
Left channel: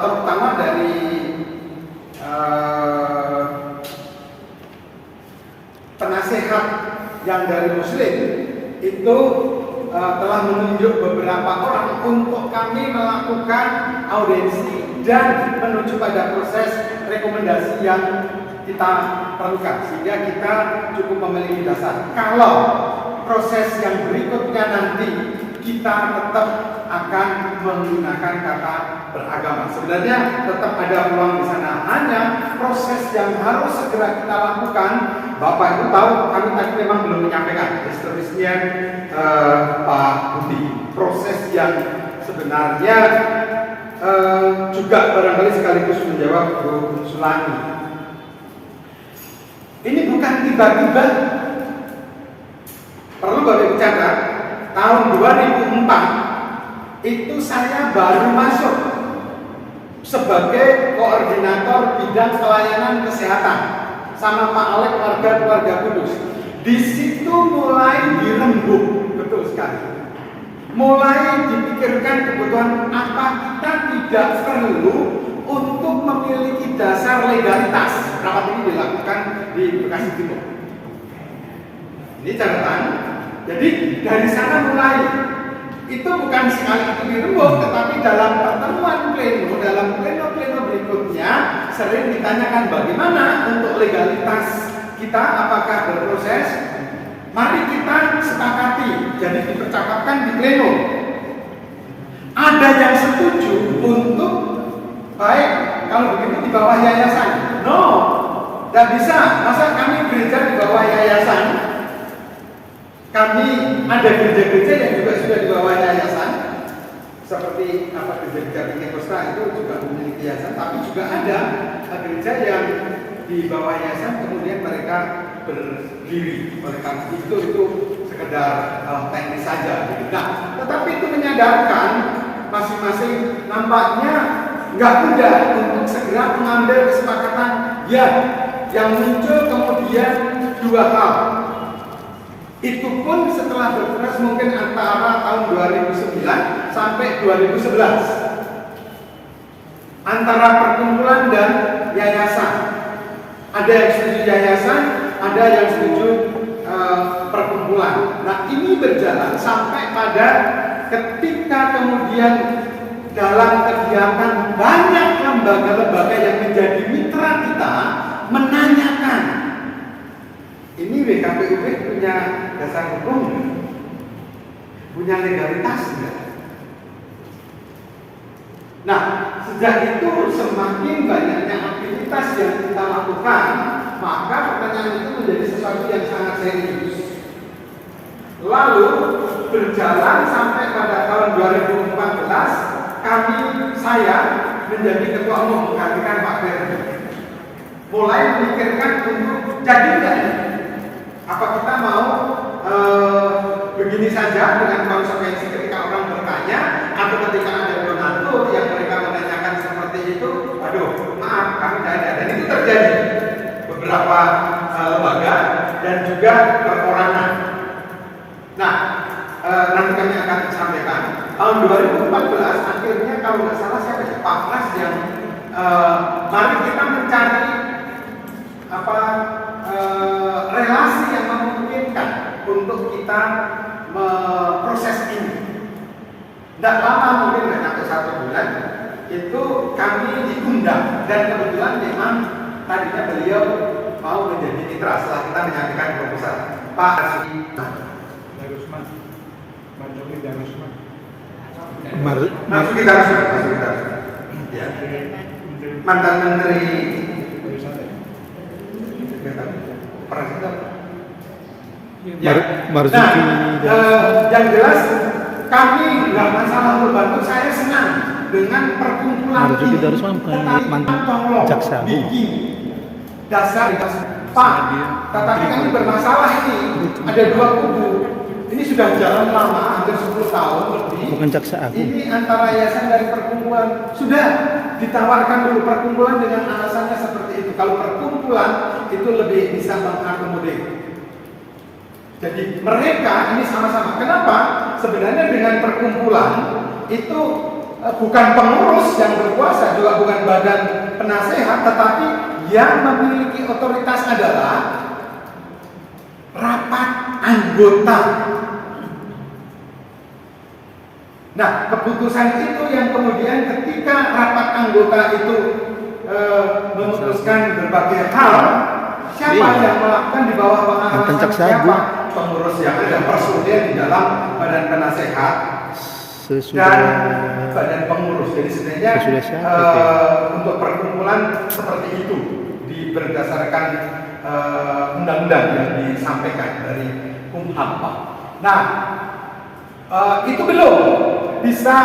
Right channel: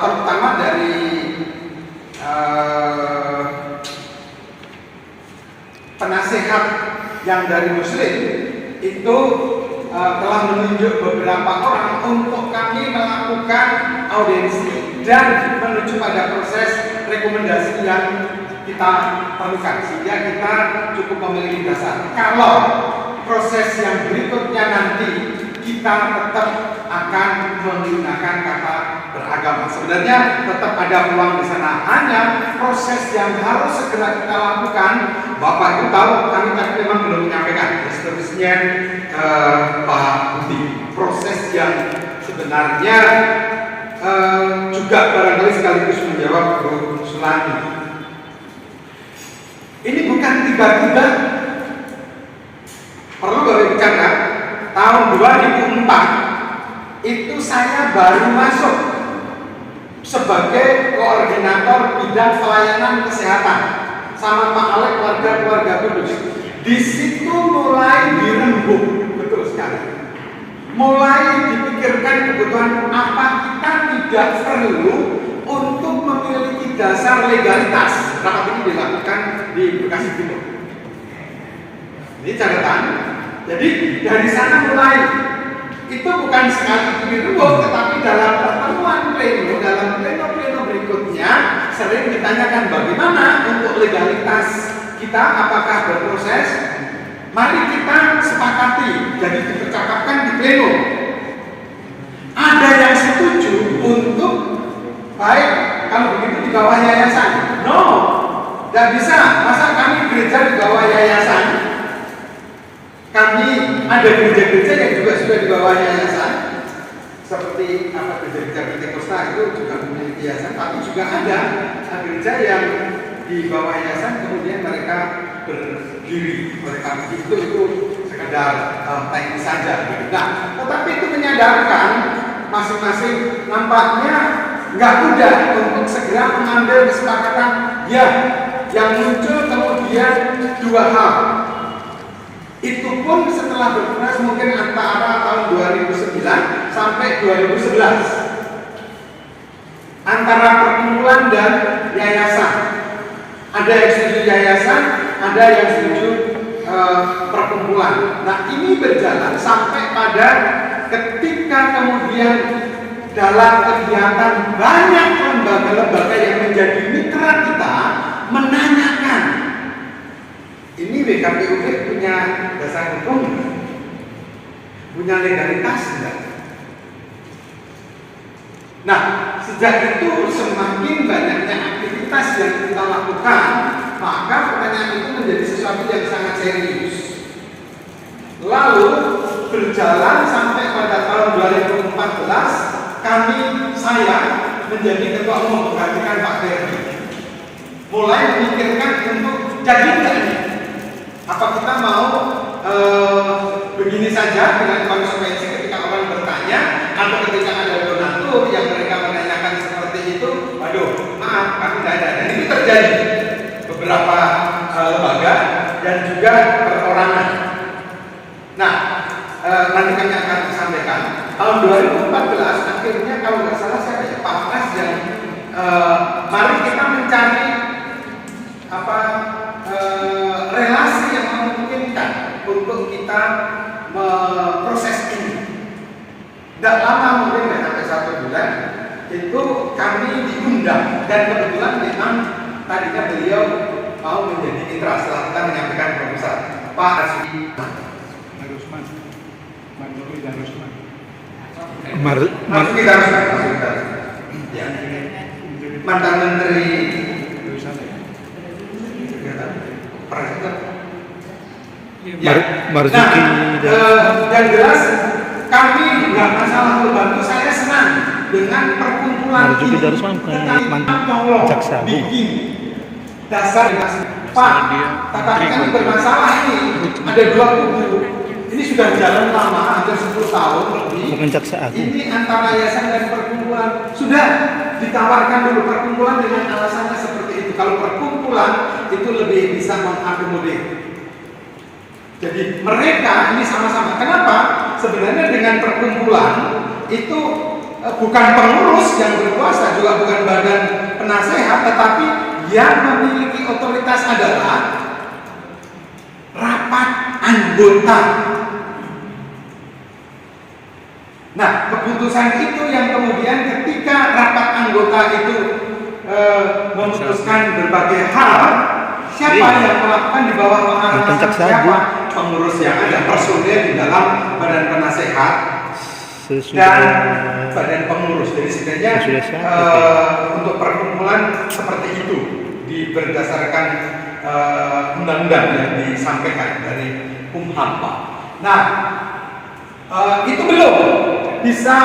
terutama dari penasehat yang dari Muslim itu telah menunjuk beberapa orang untuk kami melakukan audiensi dan menuju pada proses rekomendasi yang kita perlukan, sehingga kita cukup memiliki dasar. Kalau proses yang berikutnya nanti kita tetap akan menggunakan kata beragama. Sebenarnya tetap ada peluang di sana. Hanya proses yang harus segera kita lakukan. Bapak Ibu tahu, kami tadi memang belum menyampaikan. Seterusnya Pak Budi, proses yang sebenarnya juga barangkali sekaligus menjawab Bu Sulani. Ini bukan tiba-tiba. Perlu Bapak Ibu catat, tahun 2004 itu saya baru masuk sebagai koordinator bidang pelayanan kesehatan sama Pak Alek keluarga Kudus. Di situ mulai dirembuk, betul sekali. Mulai dipikirkan kebutuhan apa kita tidak perlu untuk memiliki dasar legalitas. Rapat ini dilakukan di Bekasi Timur. Ini catatan. Jadi dari sana mulai, itu bukan sekali itu dirubah, tetapi dalam pertemuan pleno, dalam pleno berikutnya sering ditanyakan bagaimana untuk legalitas kita, apakah berproses. Mari kita sepakati, jadi dipercakapkan di pleno. Ada yang setuju untuk baik kalau begitu di bawah yayasan. No, tidak bisa. Masa kami gereja di bawah yayasan? Kami ada gereja-gereja yang juga sudah di bawah yayasan, seperti gereja-gereja Pentakosta itu juga memiliki yayasan, tapi juga ada gereja yang di bawah yayasan kemudian mereka berdiri. Mereka itu sekedar teknis saja. Nah, tetapi itu menyadarkan masing-masing nampaknya nggak mudah untuk segera mengambil kesepakatan. Ya, yang muncul kemudian dua hal. Itu pun setelah berproses mungkin antara tahun 2009 sampai 2011 antara perkumpulan dan yayasan. Ada yang setuju yayasan, ada yang setuju perkumpulan. Nah, ini berjalan sampai pada ketika kemudian dalam kegiatan banyak lembaga-lembaga yang menjadi mitra kita menanyakan, ini WKPUD punya dasar hukum, punya legalitas enggak? Nah, sejak itu semakin banyaknya aktivitas yang kita lakukan, maka pertanyaan itu menjadi sesuatu yang sangat serius. Lalu berjalan sampai pada tahun 2014, saya menjadi ketua umum menggantikan Pak Ferdi. Mulai memikirkan untuk jadi enggak nih? Apa kita mau begini saja dengan konsekuensi ketika orang bertanya atau ketika ada donatur yang mereka menanyakan seperti itu, waduh, maaf, kami tidak ada. Dan ini terjadi beberapa lembaga dan juga perorangan. Nah, nanti kami akan sampaikan tahun 2014 akhirnya kalau nggak salah saya ada Paknas yang mari kita mencari relasi yang memungkinkan untuk kita memproses ini. Tidak lama, mungkin tidak sampai 1 bulan, itu kami diundang dan kebetulan memang tadinya beliau mau menjadi mitra setelah kita menyampaikan proposal. Pak Arsuki Darusman, Marzuki Darusman. Marzuki Darusman, ya, mantan menteri Marzuki. Yang jelas kami nggak masalah membantu. Saya senang dengan perkumpulan Marzuki ini. Darusman bukan mantan jaksa agung. Dasar Pak, tetapi kami bermasalah ini. Ada 2 kubu. Ini sudah jalan lama, hampir 10 tahun lebih. Bukan jaksa agung. Ini antara yayasan dan perkumpulan. Sudah ditawarkan dulu perkumpulan dengan alasannya seperti itu. Kalau perkumpulan itu lebih bisa mengakomodir. Jadi mereka ini sama-sama. Kenapa? Sebenarnya dengan perkumpulan itu bukan pengurus yang berkuasa, juga bukan badan penasehat, tetapi yang memiliki otoritas adalah rapat anggota. Nah, keputusan itu yang kemudian ketika rapat anggota itu memutuskan berbagai hal, siapa yang melakukan di bawah pengawasan siapa? Pengurus yang ada, personil di dalam badan penasehat dan badan pengurus. Jadi sebenarnya untuk perkumpulan seperti itu berdasarkan undang-undang yang disampaikan dari Kumham. Nah, itu belum bisa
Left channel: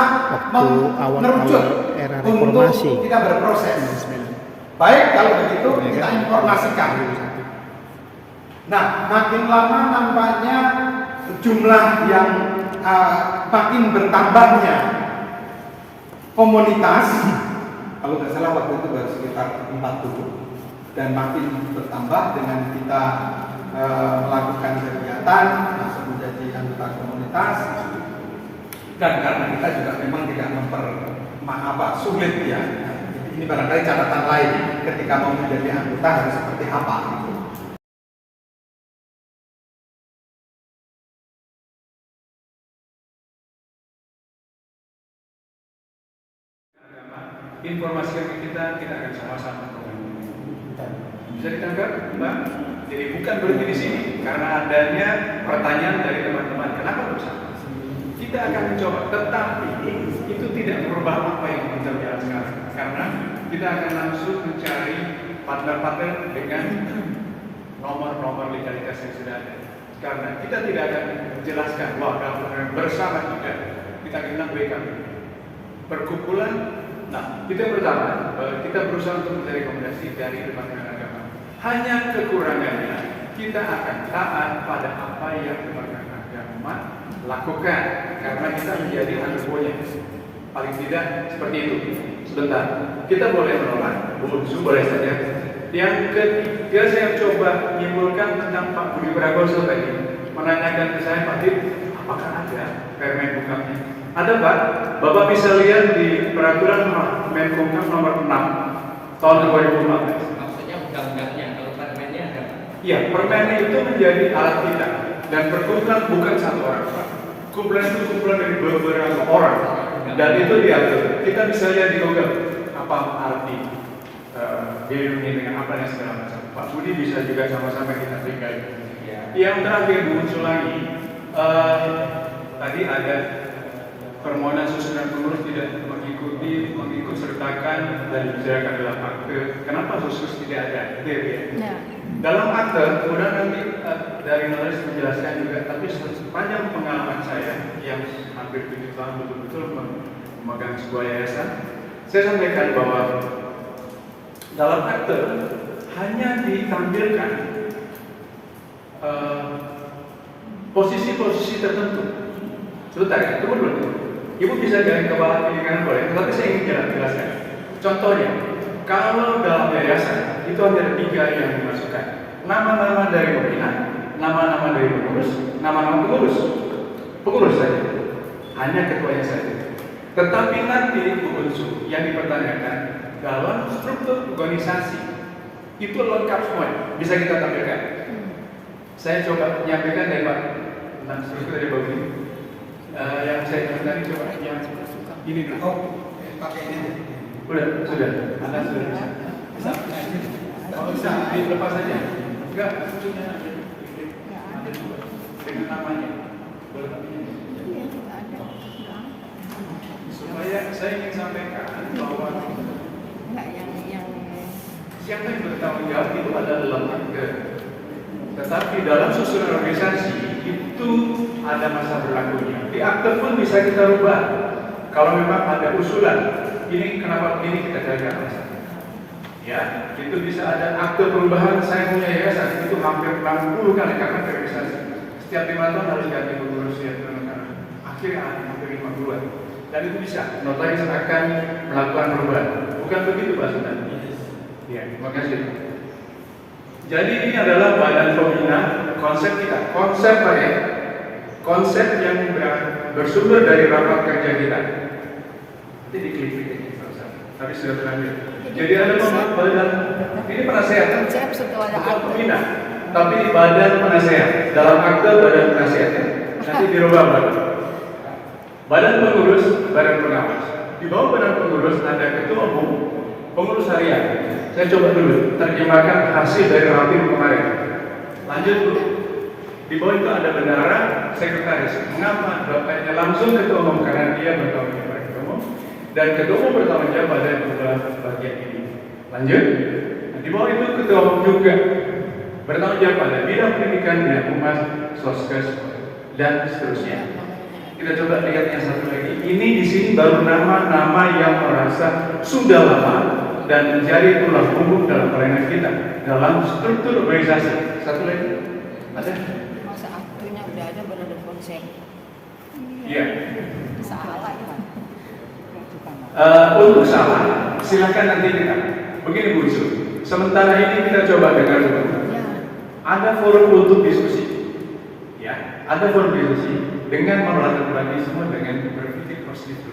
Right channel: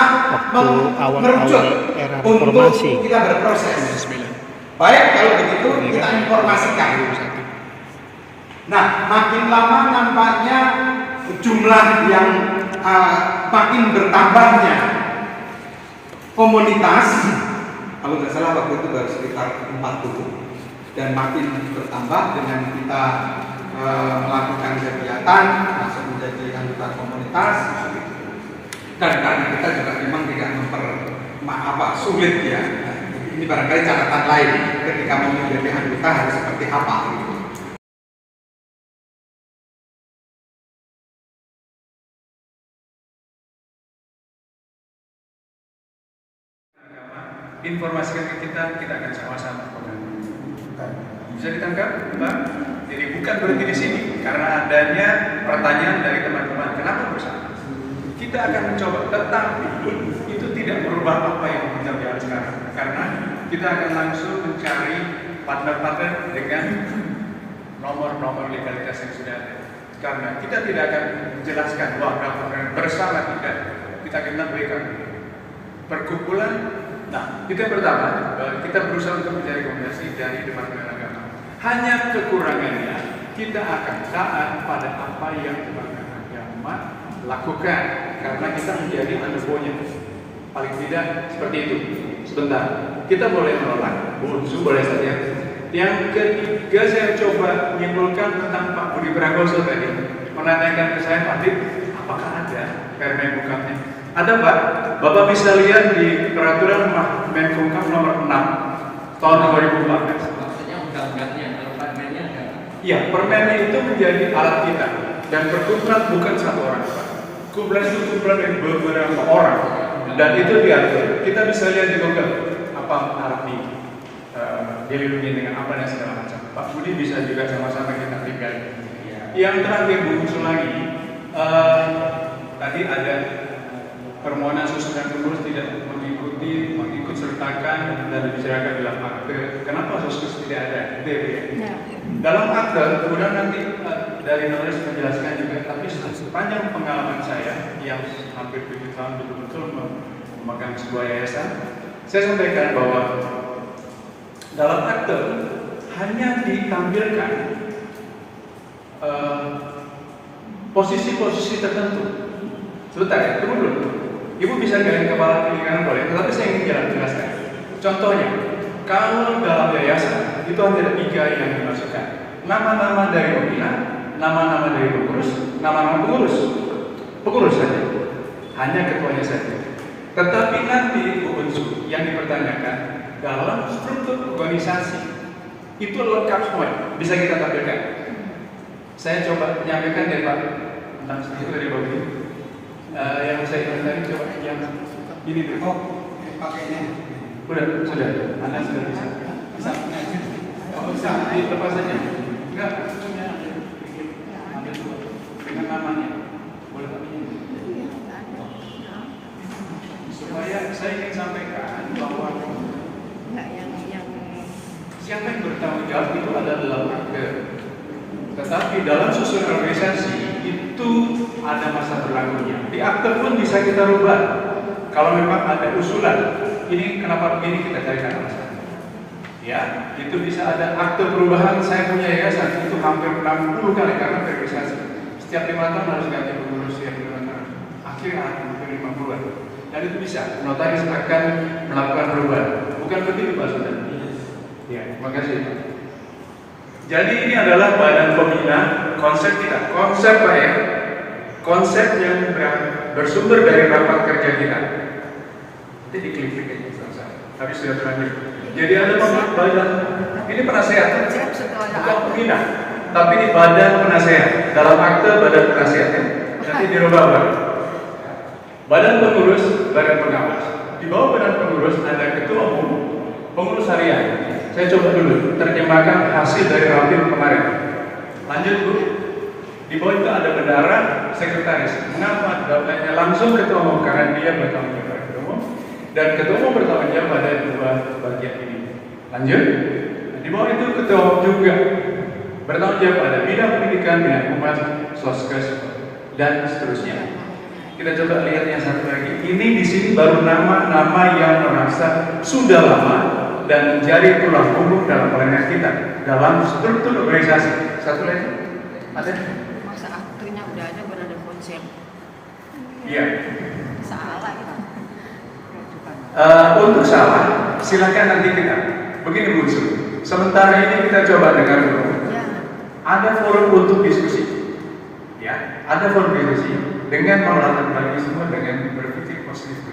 merujuk era reformasi. untuk kita berproses. Baik, kalau begitu kita informasikan. Nah, makin lama nampaknya jumlah yang makin bertambahnya komunitas, kalau nggak salah waktu itu baru sekitar 40, dan makin bertambah dengan kita melakukan kegiatan, masuk menjadi anggota komunitas, dan karena kita juga memang tidak sulit ya. Ini barangkali catatan lain ketika mau menjadi anggota harus seperti apa gitu. informasikan ke kita akan sama-sama. Bisa ditangkap, Pak? Jadi bukan berhenti di sini, karena adanya pertanyaan dari teman-teman, kenapa bersama? Kita akan mencoba, tetapi itu tidak merubah apa yang berjalan sekarang, karena kita akan langsung mencari partner-partner dengan nomor-nomor legalitas yang sudah ada. Karena kita tidak akan menjelaskan bahwa bersama kita akan berikan perkumpulan. Nah, itu yang pertama, kita berusaha untuk mencari rekomendasi dari Departemen Agama. Hanya kekurangannya, kita akan taat pada apa yang Departemen Agama lakukan, karena kita menjadi underbonya. Paling tidak seperti itu. Sebentar, kita boleh menolak, boleh saja. Yang ketiga, saya coba menyimpulkan tentang Pak Budi Pragoso tadi, menanyakan ke saya, Pak Dik, apakah ada Permen Hukumnya? Ada, Pak. Bapak bisa lihat di peraturan Menkumham nomor 6 tahun 2014. Maksudnya undang-undangnya, kalau permennya ada? Iya, permen itu menjadi alat kita, dan perkumpulan bukan satu orang, Pak. Kumpulan itu kumpulan dari beberapa orang, dan itu diatur. Kita bisa lihat di Google apa arti dilindungi dengan apa dan segala macam. Pak Budi bisa juga sama-sama kita tinggal. Yang terakhir muncul lagi, tadi ada permohonan susunan pengurus tidak mengikut sertakan dan dibicarakan dalam akte. Kenapa susus tidak ada? Dalam akte, kemudian nanti dari penulis menjelaskan juga, tapi sepanjang pengalaman saya yang hampir 7 tahun betul-betul memegang sebuah yayasan, saya sampaikan bahwa dalam akte hanya ditampilkan posisi-posisi tertentu. Sebentar, tunggu dulu. Ibu bisa garis kepala kiri kanan boleh, tetapi saya ingin jelaskan. Contohnya, kalau dalam yayasan itu ada 3 yang dimasukkan: nama-nama dari pimpinan, nama-nama dari pengurus, nama-nama pengurus saja, hanya ketuanya saja. Tetapi nanti unsur yang dipertanyakan dalam struktur organisasi itu lengkap semua, bisa kita tampilkan. Saya coba menyampaikan dari Pak tentang struktur dari Bapak. Yang saya ingatkan coba yang ini dulu. Pakai ini. Sudah. Anda sudah bisa. Bisa dilepas saja. Enggak, punya dengan namanya. Boleh pakai. Supaya saya ingin sampaikan bahwa yang bertanggung jawab itu adalah akte. Tetapi dalam susunan organisasi itu ada masa berlakunya. Di akte pun bisa kita rubah. Kalau memang ada usulan, ini kenapa begini, kita carikan alasan. Ya, itu bisa ada akte perubahan. Saya punya yayasan itu hampir 60 kali karena verifikasi. Setiap 5 tahun harus ganti pengurus yang benar. Akhirnya hampir 5 bulan. Dan itu bisa. Notaris akan melakukan perubahan. Bukan begitu Pak Saudara? Ya, terima kasih. Jadi ini adalah badan pembina konsep kita. Konsep apa ya? Konsep yang bersumber dari rapat kerja kita. Jadi klik tapi sudah terakhir. Jadi ada badan, ini penasehat, bukan pembina, tapi ini badan penasehat. Dalam akte badan penasehat. Nanti dirubah baru. Badan pengurus, badan pengawas. Di bawah badan pengurus ada ketua umum, pengurus harian. Saya coba dulu terjemahkan hasil dari rapim kemarin. Lanjut Bu. Di bawah itu ada bendahara, sekretaris. Mengapa? Datanya langsung ketua umum karena dia bertanggung jawab ketua umum, dan ketua umum bertanggung jawab pada 2 bagian ini. Lanjut. Di bawah itu ketua umum juga bertanggung jawab pada bidang pendidikan, bidang humas, soskes, dan seterusnya. Kita coba lihat yang satu lagi. Ini di sini baru nama-nama yang merasa sudah lama dan menjadi tulang punggung dalam pelayanan kita dalam struktur organisasi. Satu lagi, ada? Masa akhirnya udah ada, baru ada konsep. Iya. Salah lagi. Untuk salah, silakan nanti kita. Begini Bu Su, sementara ini kita coba dengar dulu. Ada forum untuk diskusi. Ya, ada forum diskusi dengan melakukan semua dengan berpikir positif.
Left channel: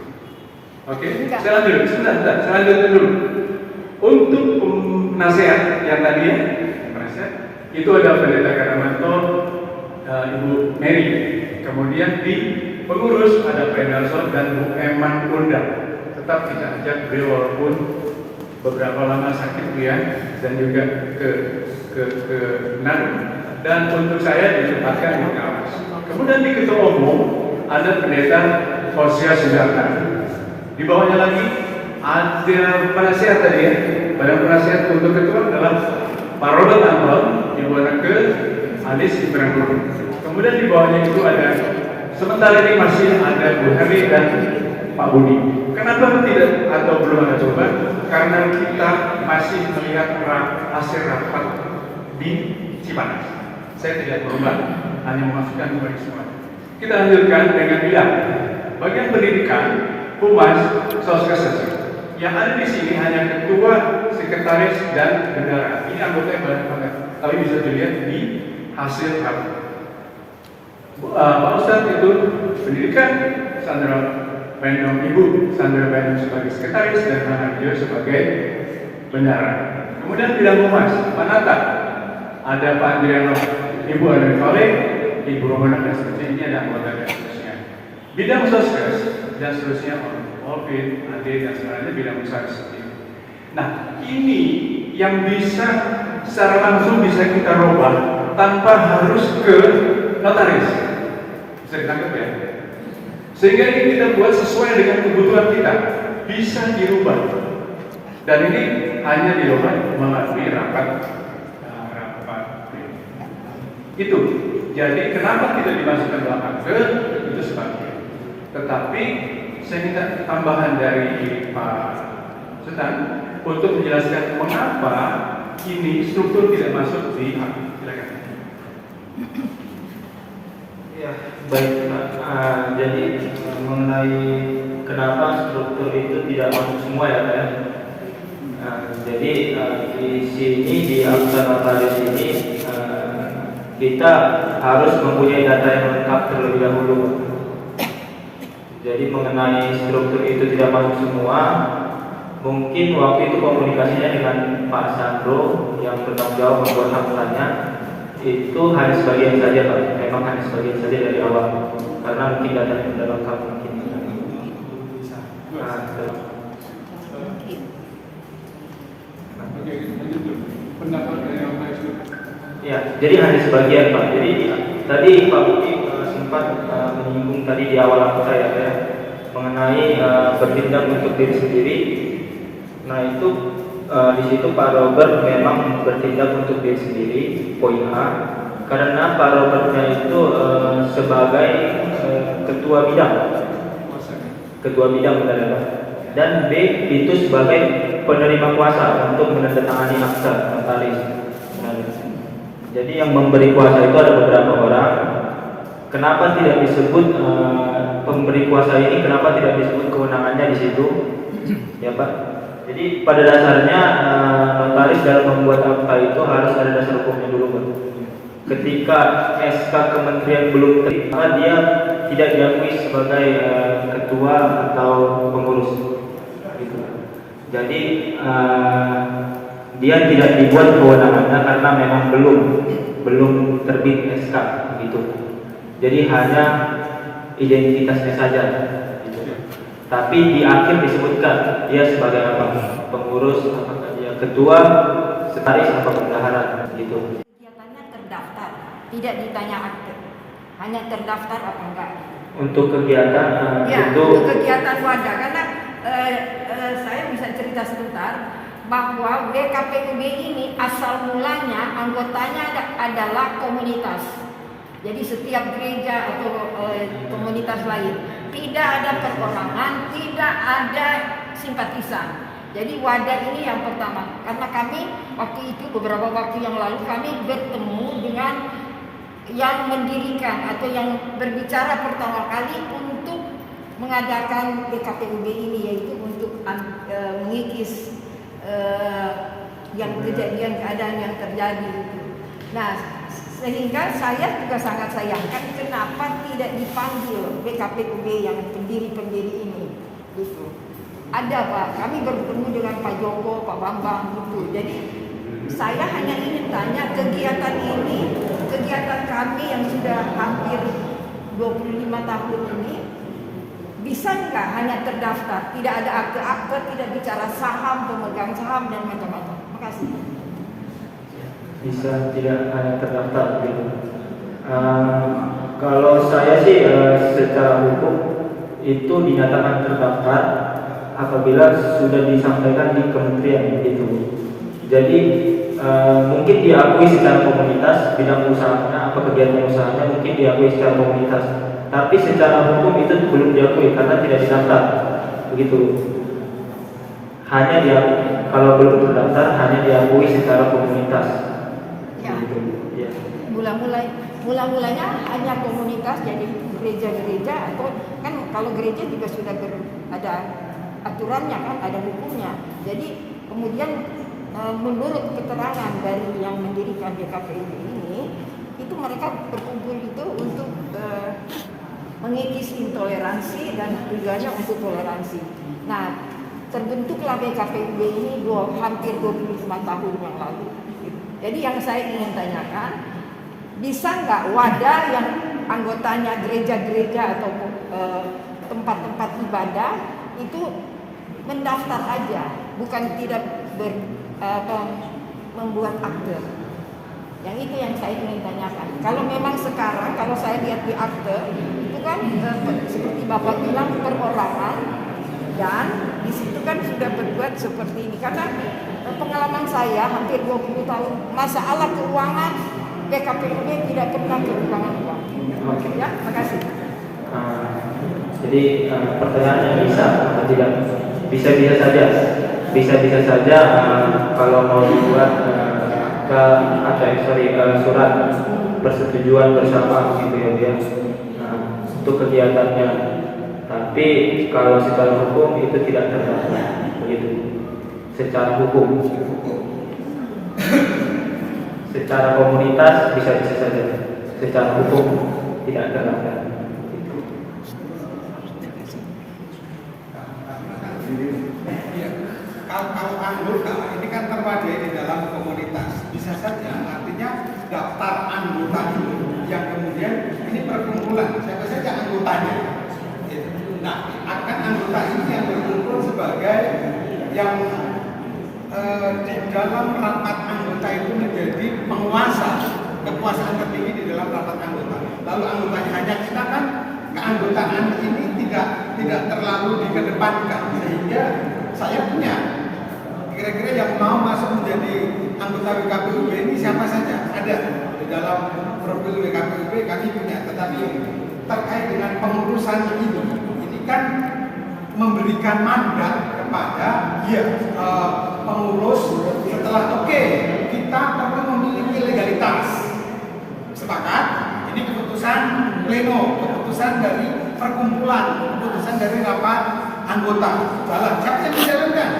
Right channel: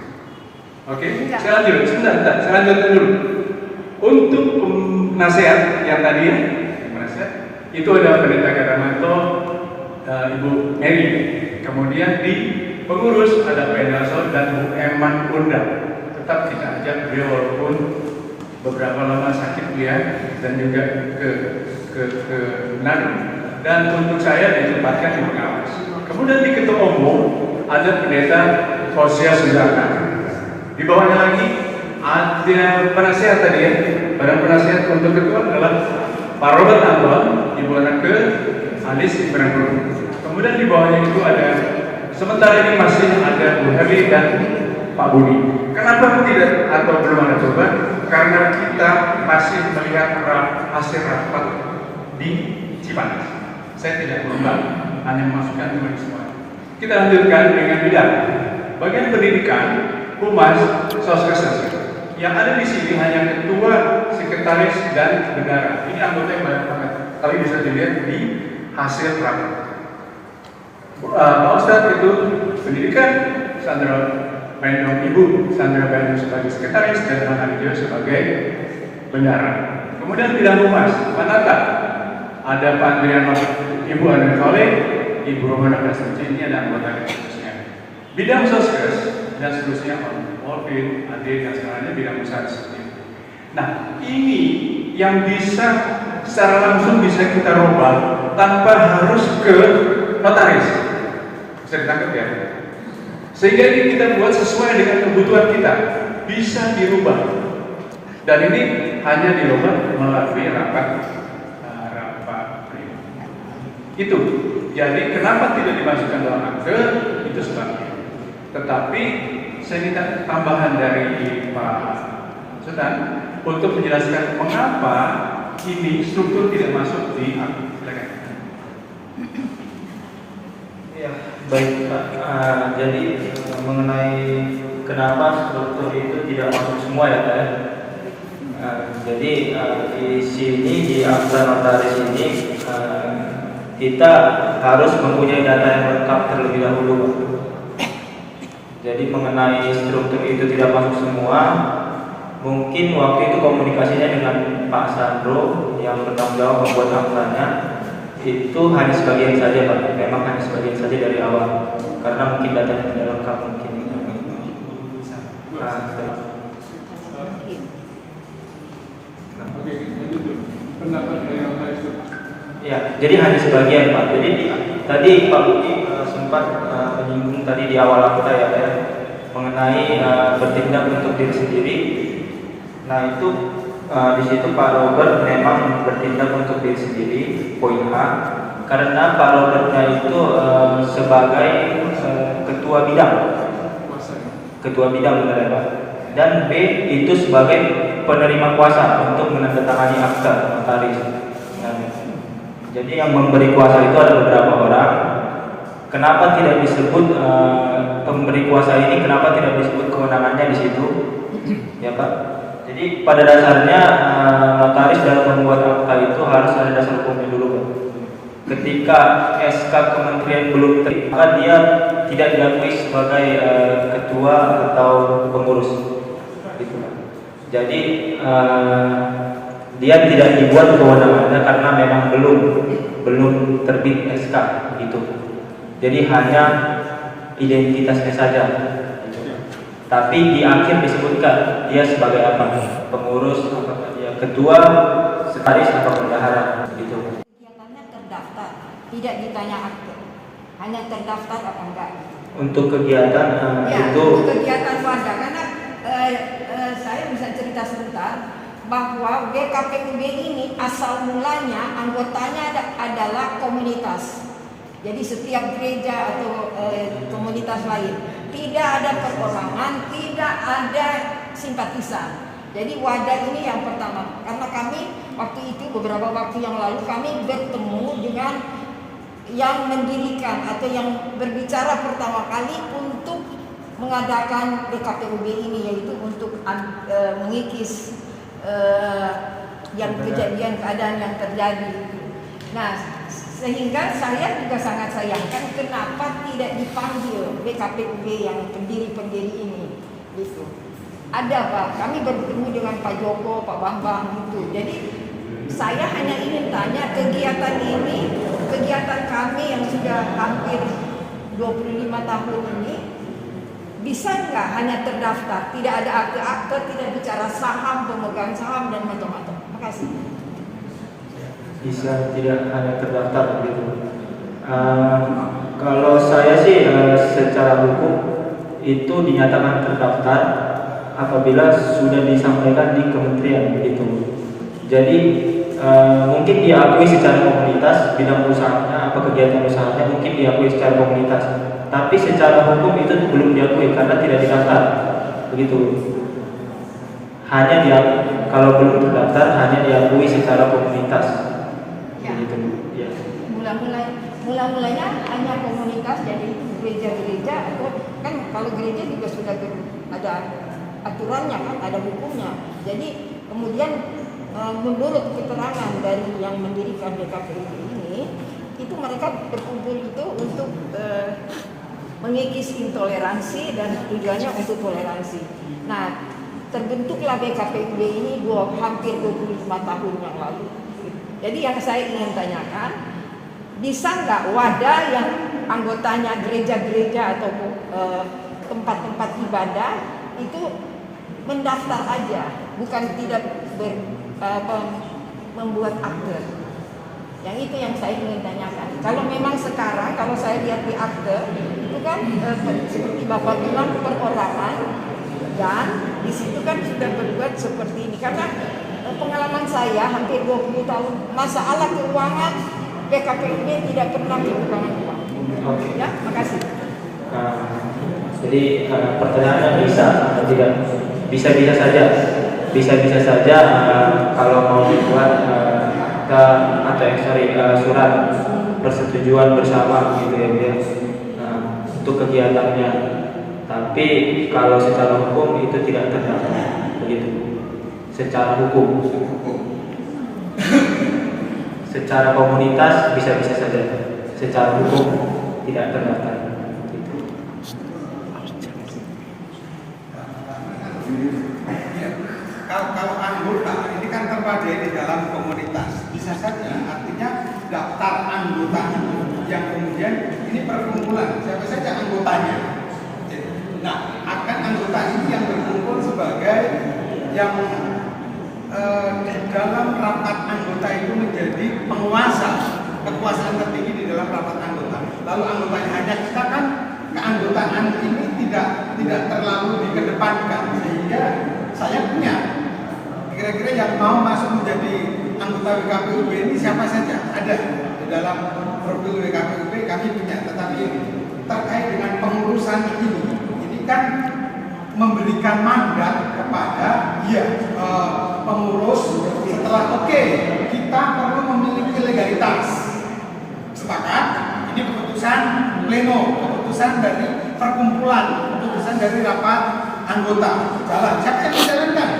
Oke, saya lanjut. Sebentar, saya lanjutkan dulu. Untuk nasihat yang tadi, itu ada Pendeta Kadamanto, Ibu Mary. Kemudian di pengurus ada Pendason dan Bu Eman Unda. tetap kita ajak beliau walaupun beberapa lama sakit beliau dan juga ke Manado. Dan untuk saya ditempatkan di pengawas. Kemudian di ketua umum ada pendeta Hosea Sujana. Di bawahnya lagi ada penasihat tadi ya. Badan penasihat untuk ketua adalah Pak Robert Anton, di bawahnya ke Alis Ibrahim. Kemudian di bawahnya itu ada, sementara ini masih ada Bu Heri dan Pak Budi. Kenapa tidak atau belum ada coba? Karena kita masih melihat hasil rapat di Cipanas. Saya tidak berubah, hanya memasukkan dua semua. Kita lanjutkan dengan bidang bagian pendidikan, humas, sosialisasi. Yang ada di sini hanya ketua, sekretaris, dan bendahara. Ini anggotanya banyak banget, tapi bisa dilihat di hasil rapat. Pak Ustadz itu pendidikan, Sandra Bainam Ibu, Sandra Bainam sebagai sekretaris, dan Mana Dio sebagai bendahara. Kemudian bidang humas, Manata, ada Pak Andriano, Ibu Adrian Kole, Ibu Romana dan seterusnya. Ini ada anggota dan seterusnya. Bidang sosial dan seterusnya, Olvin, Ade, dan sebagainya bidang usaha seperti itu. Nah, ini yang bisa secara langsung bisa kita rubah tanpa harus ke notaris. Bisa ditangkap ya? Sehingga ini kita buat sesuai dengan kebutuhan kita, bisa dirubah. Dan ini hanya dirubah melalui rapat. Itu. Jadi kenapa tidak dimasukkan dalam akte? Itu sebabnya. Tetapi saya minta tambahan dari Pak Sultan untuk menjelaskan mengapa ini struktur tidak masuk di akte. Ya, baik. Jadi mengenai kenapa struktur itu tidak masuk semua ya, Pak. Jadi di sini di akta notaris ini kita harus mempunyai data yang lengkap terlebih dahulu. Jadi mengenai struktur itu tidak masuk semua. Mungkin waktu itu komunikasinya dengan Pak Sandro yang bertanggung jawab membuat aktanya itu hanya sebagian saja, Pak. Memang hanya sebagian saja dari awal. Karena mungkin datanya tidak lengkap mungkin. Ya, jadi hanya sebagian, Pak. Jadi tadi Pak Budi sempat menyinggung tadi di awal akta ya, mengenai bertindak untuk diri sendiri. Nah itu di situ Pak Robert memang bertindak untuk diri sendiri, poin A. Karena Pak Robertnya itu sebagai ketua bidang benar ya, Pak. Dan B itu sebagai penerima kuasa untuk menandatangani akta notaris. Jadi yang memberi kuasa itu ada beberapa orang. Kenapa tidak disebut pemberi kuasa ini? Kenapa tidak disebut kewenangannya di situ? Ya Pak. Jadi pada dasarnya notaris dalam membuat akta itu harus ada dasar hukumnya dulu, Pak. Ketika SK Kementerian belum terima, dia tidak diakui sebagai ketua atau pengurus. Gitu. Jadi dia tidak dibuat kewenangannya karena memang belum terbit SK gitu. Jadi hanya identitasnya saja. Tapi di akhir disebutkan dia sebagai apa? Pengurus, dia ketua, sekretaris atau bendahara gitu. Kegiatannya terdaftar, tidak ditanya akte, hanya terdaftar apa enggak. Untuk kegiatan ya, itu untuk kegiatan wadah karena saya bisa cerita sebentar bahwa WKPUB ini asal mulanya anggotanya adalah komunitas. Jadi setiap gereja atau komunitas lain tidak ada perorangan, tidak ada simpatisan. Jadi wadah ini yang pertama. Karena kami waktu itu beberapa waktu yang lalu kami bertemu dengan yang mendirikan atau yang berbicara pertama kali untuk mengadakan WKPUB ini, yaitu untuk mengikis yang kejadian keadaan yang terjadi. Nah, sehingga saya juga sangat sayangkan kenapa tidak dipanggil WKPUB yang pendiri-pendiri ini, gitu. Ada Pak, kami bertemu dengan Pak Joko, Pak Bambang, gitu. Jadi saya hanya ingin tanya kegiatan ini, kegiatan kami yang sudah hampir 25 tahun ini bisa nggak hanya terdaftar, tidak ada akte-akte, tidak bicara saham, pemegang saham dan macam-macam. Makasih. Bisa tidak hanya terdaftar begitu. Kalau saya sih secara hukum itu dinyatakan terdaftar apabila sudah disampaikan di kementerian begitu. Jadi mungkin diakui secara komunitas bidang usahanya atau kegiatan usahanya mungkin diakui secara komunitas, tapi secara hukum itu belum diakui karena tidak didaftar begitu. Hanya kalau belum terdaftar hanya diakui secara komunitas. Ya. Begitu. Ya. Mulanya hanya komunitas, jadi gereja-gereja atau kan kalau gereja juga sudah ada aturannya kan, ada hukumnya. Jadi kemudian menurut keterangan dari yang mendirikan BKPUB ini, itu mereka berkumpul itu untuk mengikis intoleransi dan tujuannya untuk toleransi. Nah, terbentuklah BKPUB ini hampir 25 tahun yang lalu. Jadi yang saya ingin tanyakan, bisa nggak wadah yang anggotanya gereja-gereja atau tempat-tempat ibadah itu mendaftar aja, bukan tidak membuat akte. Yang itu yang saya ingin tanyakan. Kalau memang sekarang, kalau saya lihat di akte, itu kan seperti Bapak bilang perorangan, dan di situ kan sudah berbuat seperti ini. Karena pengalaman saya hampir 20 tahun, masalah keuangan BKPUB tidak pernah kekurangan uang. Oke. Ya, makasih. Jadi pertanyaannya tidak bisa saja. Bisa saja kalau mau dibuat surat persetujuan bersama gitu ya dia untuk kegiatannya. Tapi kalau secara hukum itu tidak terdaftar begitu. Secara hukum. Secara komunitas bisa saja. Secara hukum tidak terdaftar. Kalau anggota ini kan terwadai di dalam komunitas, bisa saja artinya daftar anggota itu yang kemudian ini perkumpulan siapa saja anggotanya. Nah, akan anggota ini yang berkumpul sebagai yang di dalam rapat anggota itu menjadi penguasa, kekuasaan tertinggi di dalam rapat anggota. Lalu anggotanya hanya kita kan keanggotaan ini tidak terlalu dikedepankan, sehingga saya punya kira-kira yang mau masuk menjadi anggota WKPUB ini siapa saja ada di dalam profil WKPUB kami punya. Tetapi terkait dengan pengurusan ini kan memberikan mandat kepada pengurus setelah kita perlu memiliki legalitas. Sepakat? Ini keputusan pleno, keputusan dari perkumpulan, keputusan dari rapat anggota. Jalan. Siapa yang menjalankan?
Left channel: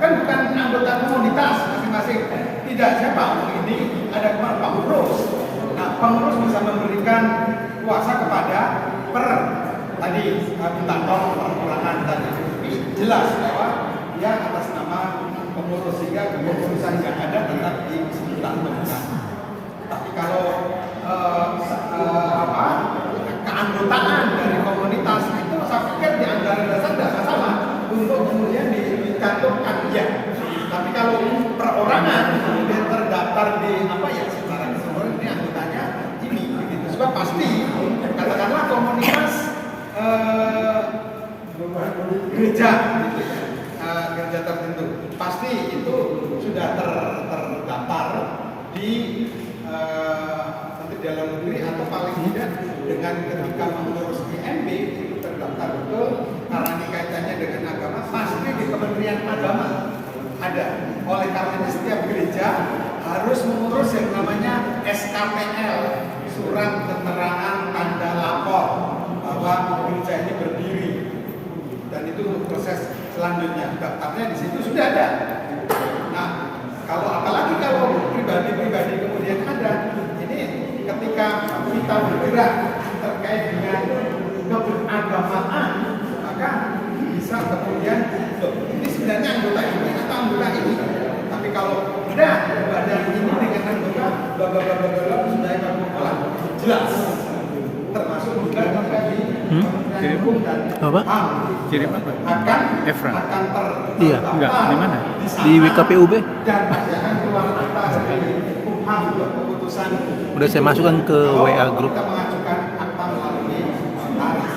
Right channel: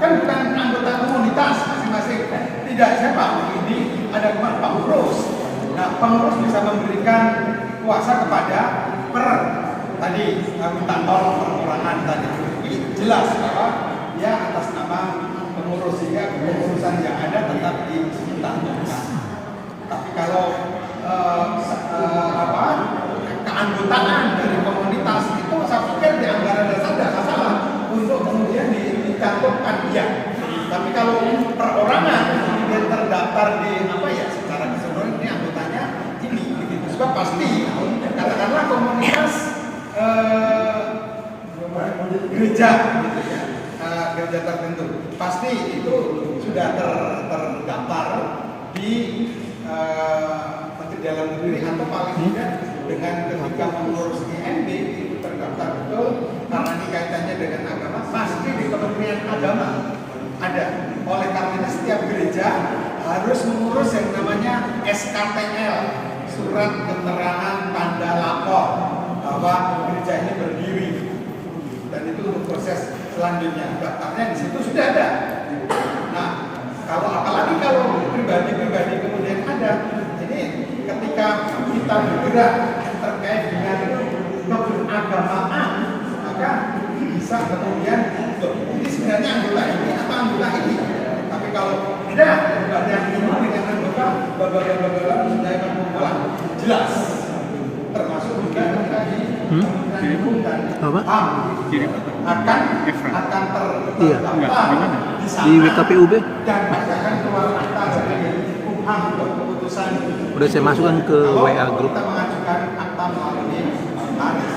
Kan bukan anggota komunitas masing-masing. Tidak, siapa? Ini ada pengurus. Nah, pengurus bisa memberikan kuasa kepada tadi minta tolong perorangan tadi. Ini jelas bahwa dia atas nama pengurus, sehingga kepengurusan yang ada tetap dilakukan. Tapi kalau keanggotaan dari komunitas itu saya pikir di anggaran dasar tidak masalah untuk kemudian dicantumkan ya. Tapi kalau perorangan kemudian terdaftar di secara keseluruhan ini anggotanya ini begitu. Sebab pasti katakanlah komunitas gereja gitu ya. Gereja tertentu pasti itu sudah terdaftar di Menteri Dalam Negeri atau paling tidak dengan ketika mengurus IMB itu terdaftar betul karena ini kaitannya dengan agama, pasti di Kementerian Agama ada. Oleh karenanya setiap gereja harus mengurus yang namanya SKPL, surat keterangan tanda lapor bahwa gereja ini berdiri, dan itu untuk proses selanjutnya daftarnya di situ sudah ada. Nah, apalagi kalau pribadi-pribadi kemudian ada, ini ketika kita bergerak terkait dengan keberagamaan, maka bisa kemudian ini sebenarnya anggota ini atau anggota ini. Tapi kalau tidak badan ini dengan anggota blablabla sudah perkumpulan jelas, termasuk juga ketika di Hukum dan Apa? HAM Kirim apa? akan Efra. Iya. Enggak, di mana? Di WKPUB dan akan keluar akta dari Hukum keputusan. udah saya masukkan ke Kalau WA grup. kita mengajukan akta melalui notaris.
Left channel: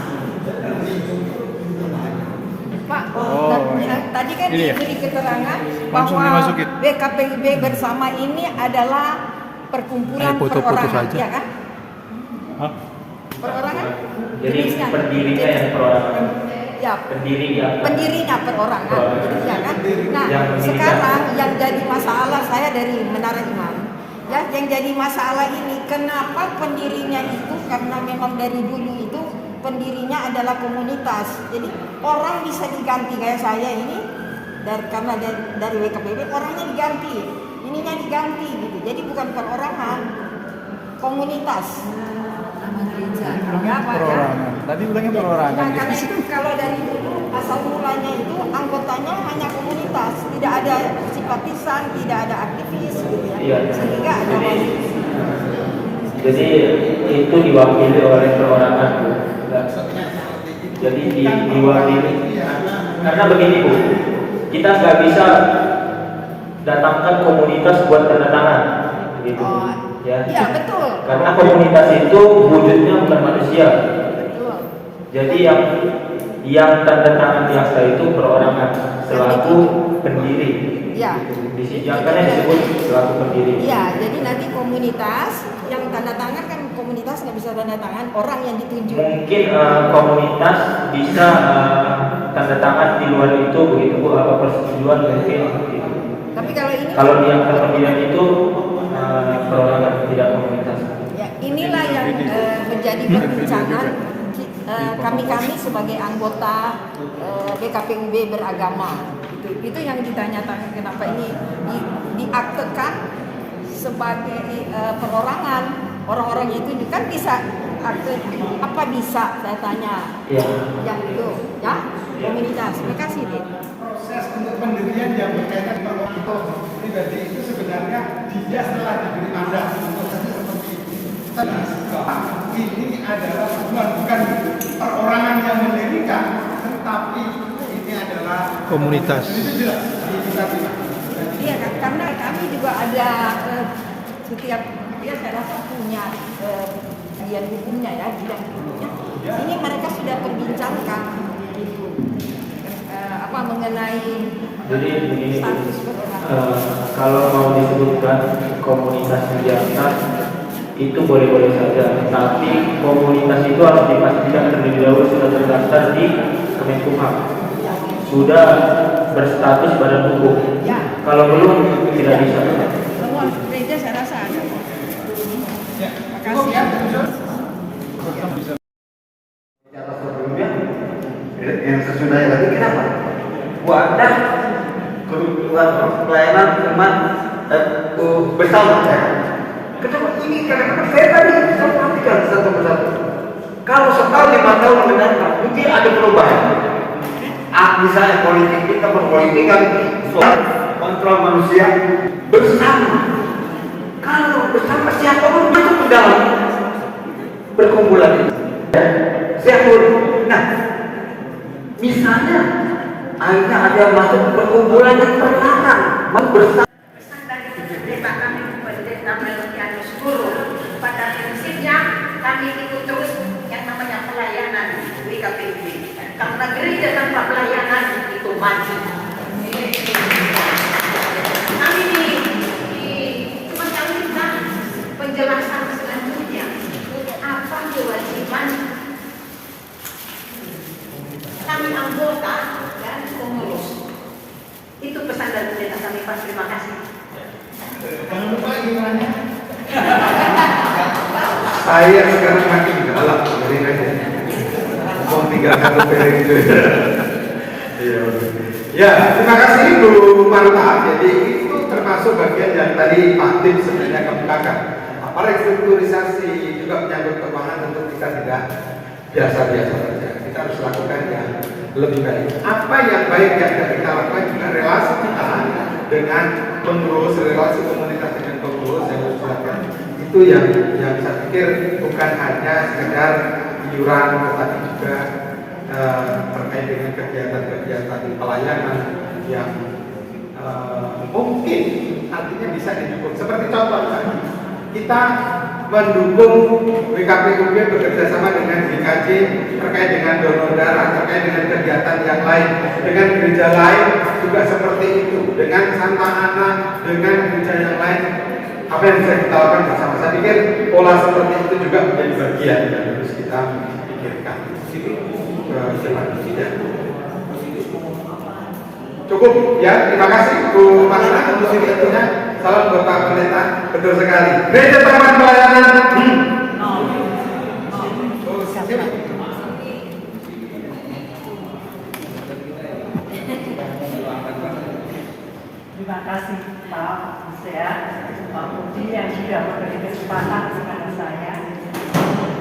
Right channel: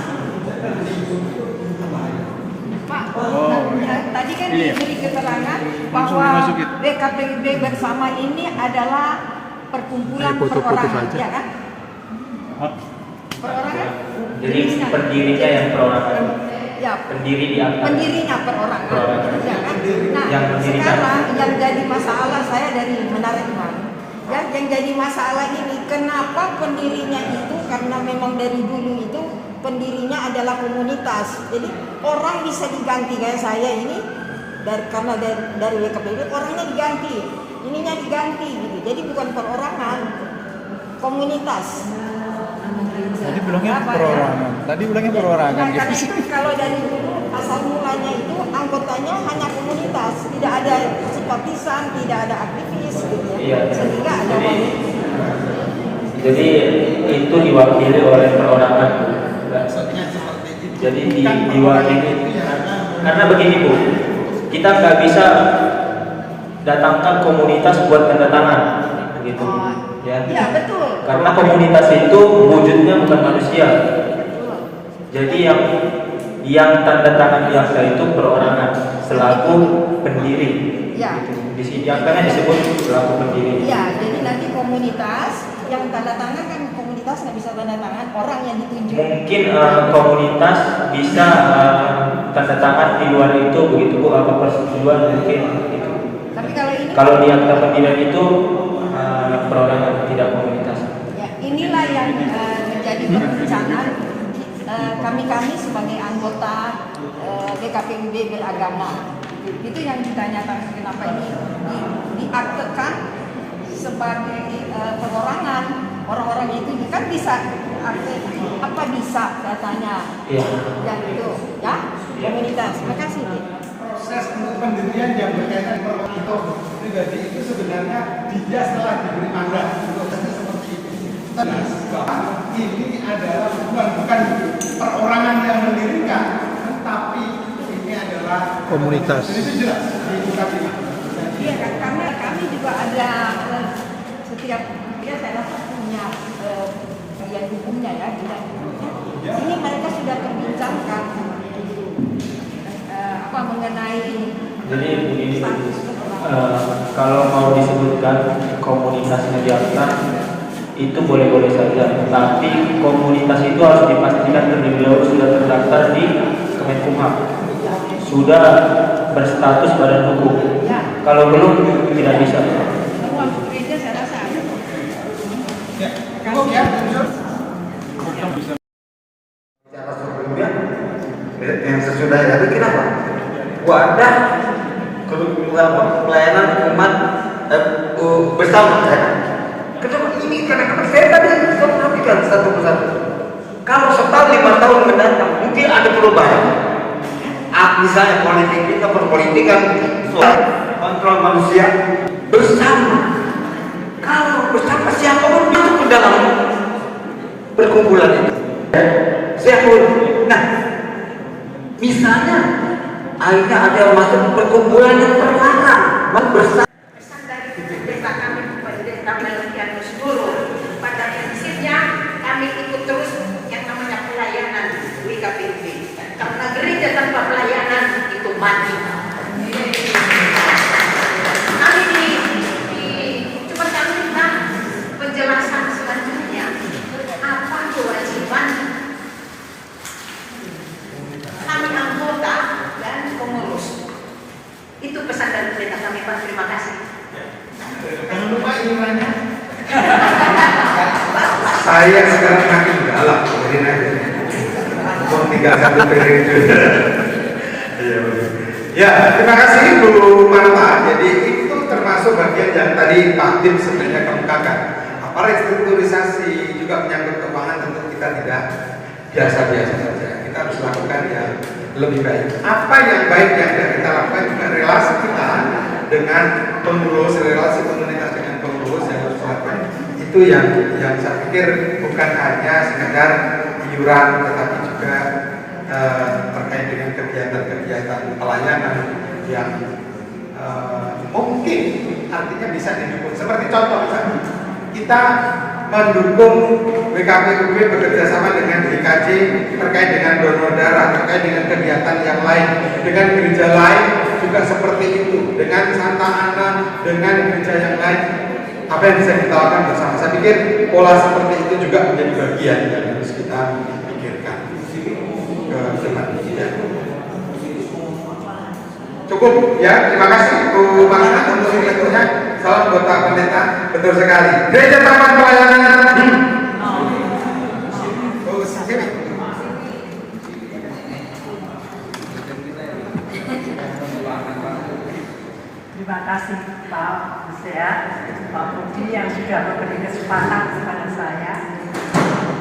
Pak, Oh, tadi kan ini ya? diberi keterangan Langsung bahwa dimasukin. BKPUB bersama ini adalah perkumpulan Ayo foto-foto perorangan, saja. ya kan? Perorangan? Jadi Jenisnya. pendirinya yang perorangan. Ya, Pendiri di akta. pendirinya perorangan, ya kan? Nah, Yang pendirinya. sekarang yang jadi masalah saya dari Menara Imam, ya, yang jadi masalah ini kenapa pendirinya itu karena memang dari dulu itu pendirinya adalah komunitas. Jadi orang bisa diganti kayak saya ini karena dari WKPUB orangnya diganti, ininya diganti gitu. Jadi bukan perorangan, komunitas. Tadi bilangnya Apa, ya? perorangan. Tadi bilangnya perorangan. Nah, karena itu kalau dari dulu asal mulanya itu anggotanya hanya komunitas, tidak ada simpatisan, tidak ada aktivis, gitu ya. Iya. Sehingga ada Jadi itu diwakili oleh perorangan, Bu. Jadi diwakili karena begini, Bu. Kita nggak bisa datangkan komunitas buat tanda tangan, begitu. Ya. Iya, betul. Karena komunitas itu wujudnya bukan manusia. Jadi yang tanda tangan di akta itu perorangan selaku pendiri. Ya. Di sini akta disebut selaku pendiri. Iya, jadi nanti komunitas yang tanda tangan kan komunitas nggak bisa tanda tangan orang yang ditunjuk. Mungkin komunitas bisa tanda tangan di luar itu, begitu Bu, apa persetujuan mungkin gitu. Tapi kalau Kalau di akta pendirian itu perorangan, tidak komunitas. ya, inilah yang menjadi perbincangan kami sebagai anggota BKPUB beragama. Itu yang ditanyakan kenapa ini diaktekan sebagai perorangan. Orang-orang itu kan bisa akte apa bisa saya tanya. Iya. Yang itu ya komunitas. Terima kasih Bu. Proses untuk pendirian yang berkaitan perwakilan pribadi itu sebenarnya dia setelah diberi mandat untuk seperti itu. Bahwa ini adalah bukan perorangan yang mendirikan, tetapi ini adalah Komunitas. Ini jelas di kita tidak. Iya kan karena kami juga ada setiap dia salah satunya bagian hukumnya ya bidang hukumnya. Ini mereka sudah membincangkan apa mengenai Jadi begini, kalau mau disebutkan komunitas di akta itu boleh-boleh saja, tapi komunitas itu harus dipastikan terlebih dahulu sudah terdaftar di Kemenkumham, sudah berstatus badan hukum. Kalau belum tidak bisa. temuan gereja saya rasa ada. Cukup ya, Sebelumnya yang sesudah itu kenapa? Wadah pelayanan umat bersama ya. Kenapa ini? Karena saya tadi perhatikan satu persatu. Kalau setahun 5 tahun mendatang mungkin ada perubahan. Misalnya politik kita berpolitik kan soal kontrol manusia bersama. Kalau bersama siapa pun masuk ke dalam perkumpulan itu. Nah, misalnya akhirnya ada yang masuk perkumpulan yang terlarang, bersama. Pesan dari pendeta kami, pendeta Melkianus Guru, pada prinsipnya kami ikut terus yang namanya pelayanan WKPUB. Karena gereja tanpa pelayanan itu mati. Kami cuma kami minta penjelasan selanjutnya apa kewajiban kami anggota dan pengurus. Itu pesan dari pendeta kami, Pak. Terima kasih. jangan lupa iurannya. Saya sekarang makin galak, jadi aja. Uang 31 periode. Iya, ya, terima kasih Bu Marta. Jadi itu termasuk bagian yang tadi Pak Tim sebenarnya kemukakan. Apa restrukturisasi juga menyangkut keuangan tentu kita tidak biasa-biasa saja. Kita harus lakukan yang lebih baik. Apa yang baik yang kita lakukan juga relasi kita dengan pengurus, relasi komunitas dengan pengurus yang harus lakukan. Itu yang saya pikir bukan hanya sekedar iuran, tetapi juga terkait dengan kegiatan-kegiatan pelayanan yang mungkin artinya bisa didukung. Seperti contoh misalnya, kita mendukung WKPUB bekerja sama dengan GKJ terkait dengan donor darah, terkait dengan kegiatan yang lain, dengan gereja lain juga seperti itu, dengan Santa Ana, dengan gereja yang lain. Apa yang bisa kita lakukan bersama? Saya pikir pola seperti itu juga menjadi bagian yang harus kita pikirkan. Ya. Cukup ya, terima kasih Bu Makna untuk tentunya. Salam buat Pak Pendeta, betul sekali. Gereja Taman Pelayanan. Terima kasih Pak Husea, Pak Budi yang sudah memberi kesempatan kepada saya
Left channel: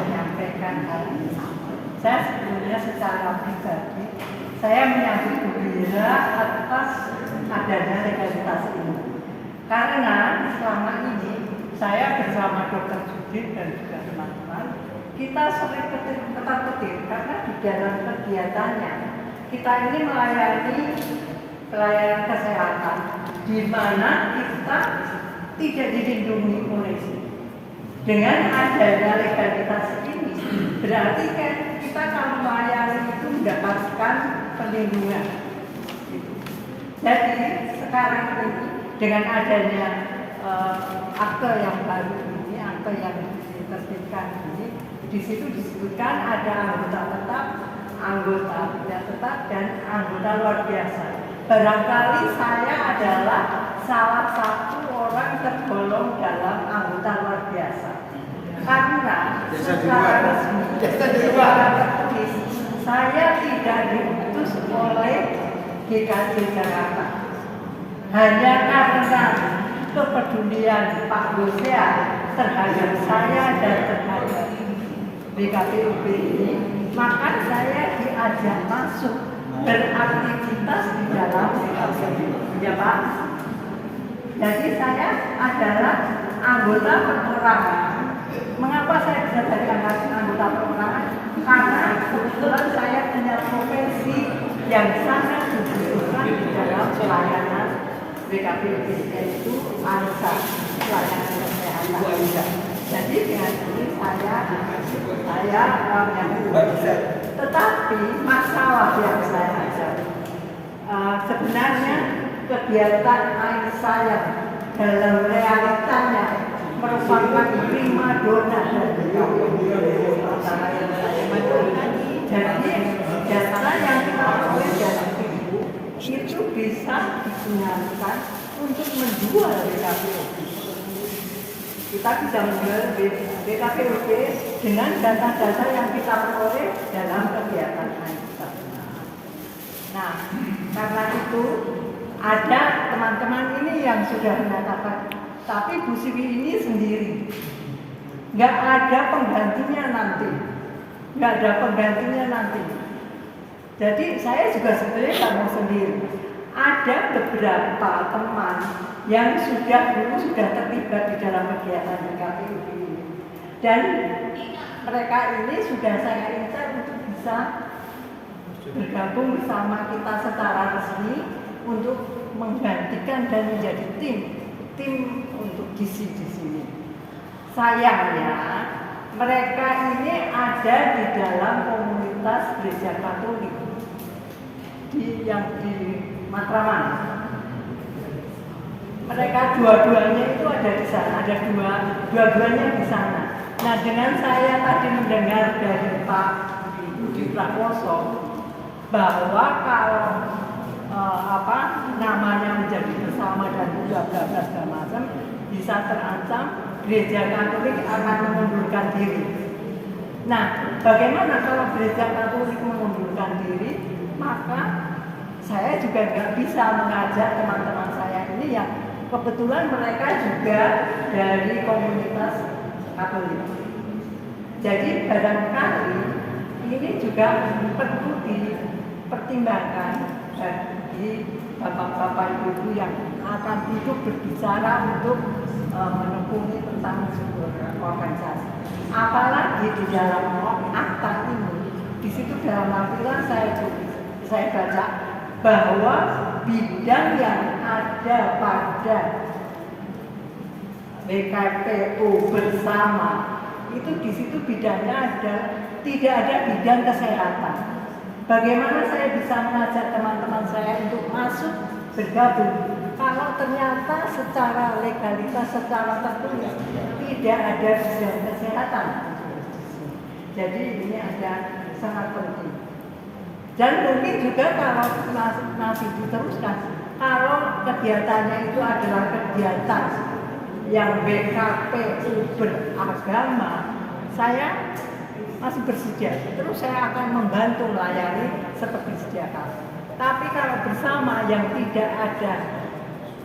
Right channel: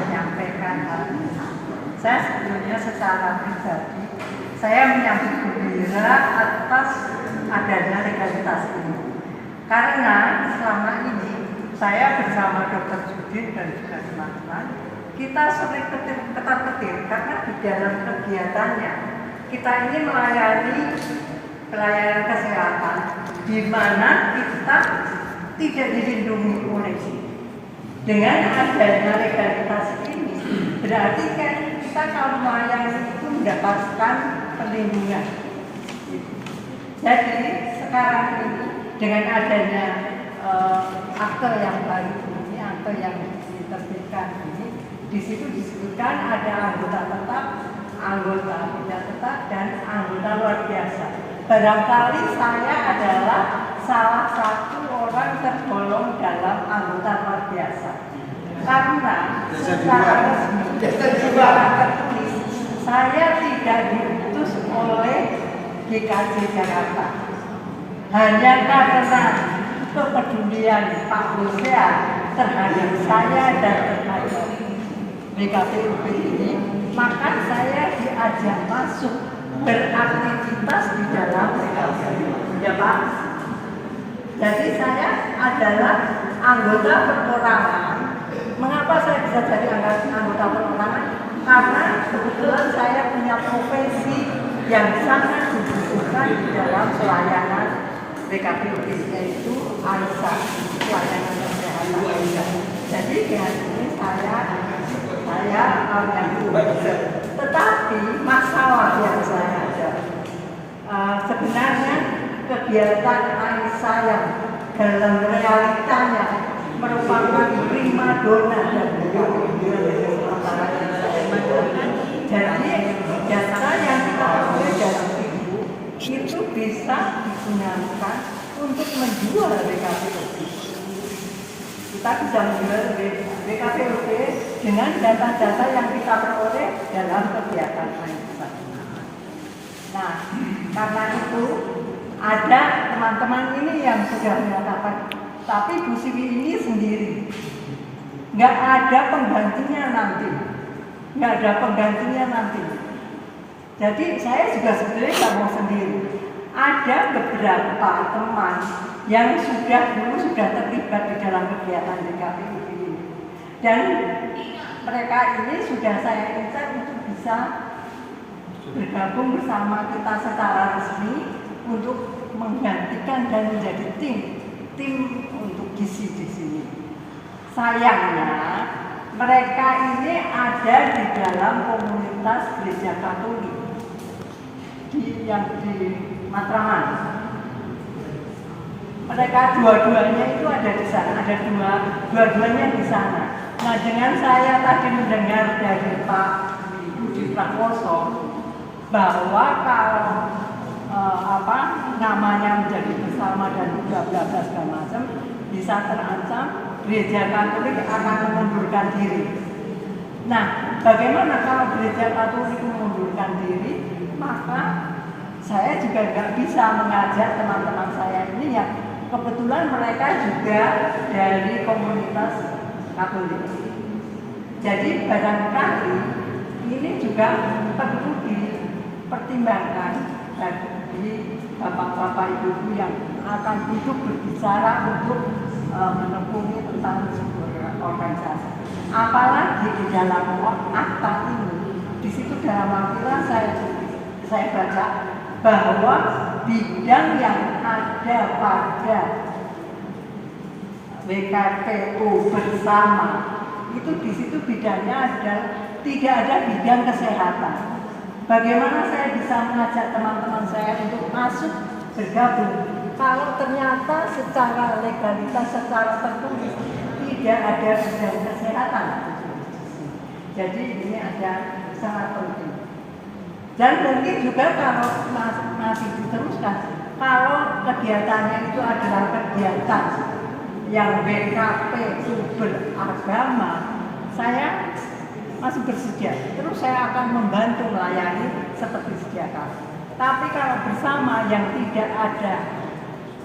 menyampaikan hal ini. Saya sebetulnya secara pribadi, saya menyambut gembira atas adanya legalitas ini. Karena selama ini saya bersama Dr. Judit dan juga teman-teman, kita sering ketar-ketir karena di dalam kegiatannya kita ini melayani pelayanan kesehatan di mana kita tidak dilindungi oleh sini. Dengan adanya legalitas ini berarti kan kita kalau melayani itu mendapatkan perlindungan. Jadi sekarang ini dengan adanya akte yang baru ini, akte yang diterbitkan ini, di situ disebutkan ada anggota tetap, anggota tidak tetap, dan anggota luar biasa. Barangkali saya adalah salah satu orang tergolong dalam anggota luar biasa. Karena secara resmi, secara tertulis, saya tidak diutus oleh GKJ Jakarta. Hanya karena kepedulian Pak Husea terhadap saya dan terhadap WKPUB ini, maka saya diajak masuk beraktivitas di dalam WKPUB. Ya Pak. Jadi saya adalah anggota perorangan. Mengapa saya bisa jadi anggota perorangan? Karena kebetulan saya punya profesi yang sangat dibutuhkan di dalam pelayanan WKPUB, yaitu ANSA, pelayanan kesehatan. Jadi dengan ini saya tetapi masalah yang saya hadapi sebenarnya kegiatan ANSA yang dalam realitanya merupakan primadona dan WKPUB. Jadi data yang kita peroleh dalam itu bisa digunakan untuk menjual WKPUB. Kita bisa menjual WKPUB dengan data-data yang kita peroleh dalam kegiatan ANSA. Nah, karena itu ada teman-teman ini yang sudah mengatakan, tapi Bu Siwi ini sendiri, nggak ada penggantinya nanti, nggak ada penggantinya nanti. Jadi saya juga sebenarnya nggak mau sendiri. Ada beberapa teman yang dulu sudah terlibat di dalam kegiatan WKPUB ini, dan mereka ini sudah saya incar untuk bisa bergabung bersama kita secara resmi untuk menggantikan dan menjadi tim untuk di sini. Sayangnya mereka ini ada di dalam komunitas Gereja Katolik yang di Matraman. Mereka dua-duanya itu ada di sana, ada dua-duanya di sana. Nah, dengan saya tadi mendengar dari Pak Budi Prakoso bahwa kalau namanya menjadi bersama dan bla bla bla segala macam bisa terancam, Gereja Katolik akan mengundurkan diri. Nah, bagaimana kalau Gereja Katolik mengundurkan diri? Maka saya juga nggak bisa mengajak teman-teman saya ini yang kebetulan mereka juga dari komunitas Katolik. Jadi barangkali ini juga perlu dipertimbangkan bagi bapak-bapak ibu yang akan hidup berbicara untuk menekuni tentang sebuah organisasi. Apalagi di dalam akta ini situ dalam artilah saya baca bahwa bidang yang ada pada WKPU bersama itu di situ bidangnya ada, tidak ada bidang kesehatan. Bagaimana saya bisa mengajak teman-teman saya untuk masuk bergabung kalau ternyata secara legalitas, secara tertulis tidak ada bidang kesehatan. Jadi ini ada sangat penting. Dan mungkin juga kalau masih diteruskan, kalau kegiatannya itu adalah kegiatan yang BKPU beragama, saya masih bersedia. Terus saya akan membantu melayani seperti sedia kala. Tapi kalau bersama yang tidak ada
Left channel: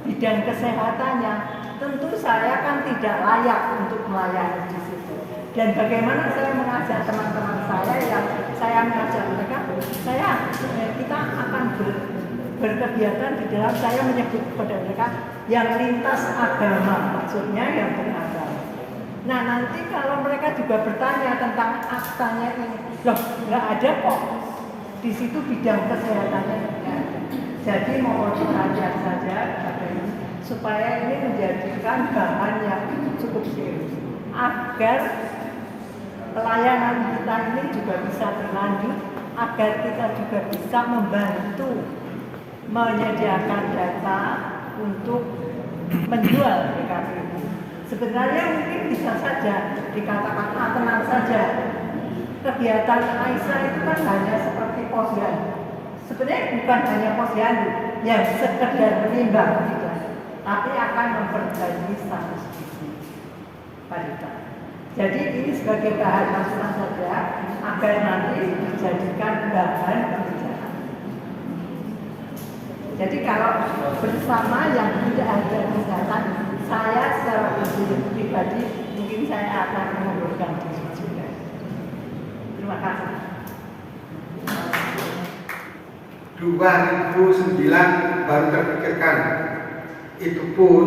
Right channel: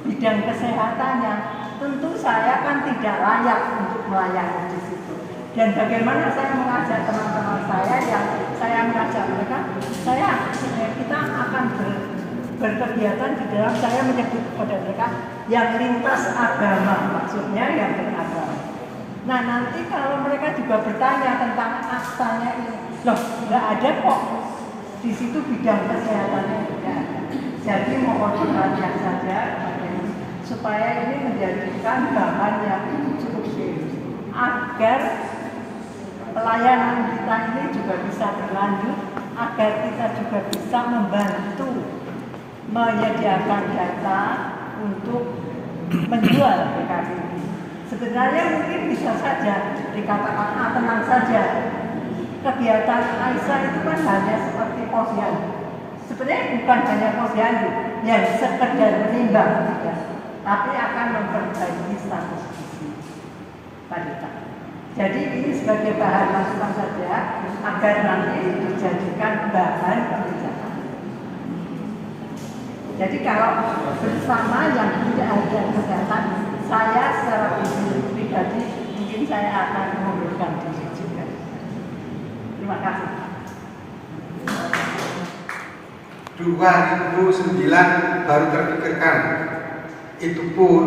bidang kesehatannya, tentu saya kan tidak layak untuk melayani di situ. Dan bagaimana saya mengajak teman-teman saya yang saya mengajak mereka, kita akan berkegiatan di dalam, saya menyebut kepada mereka yang lintas agama, maksudnya yang beragama. Nah nanti kalau mereka juga bertanya tentang aktanya ini, loh nggak ada kok di situ bidang kesehatannya tidak ada. Jadi mohon perhatian saja kepada ini supaya ini menjadikan bahan yang cukup serius agar pelayanan kita ini juga bisa berlanjut, agar kita juga bisa membantu menyediakan data untuk menjual BKPU. Sebenarnya mungkin bisa saja dikatakan tenang saja. Kegiatan Aisyah itu kan hanya seperti posyandu. Sebenarnya bukan hanya posyandu yang sekedar menimbang, tidak, tapi akan memperbaiki status wanita. Jadi ini sebagai bahan masukan saja agar nanti dijadikan bahan kebijakan. Jadi kalau bersama yang tidak ada kesehatan, saya secara pribadi mungkin saya akan mengundurkan diri juga. Terima kasih. 2009 baru terpikirkan. Itu pun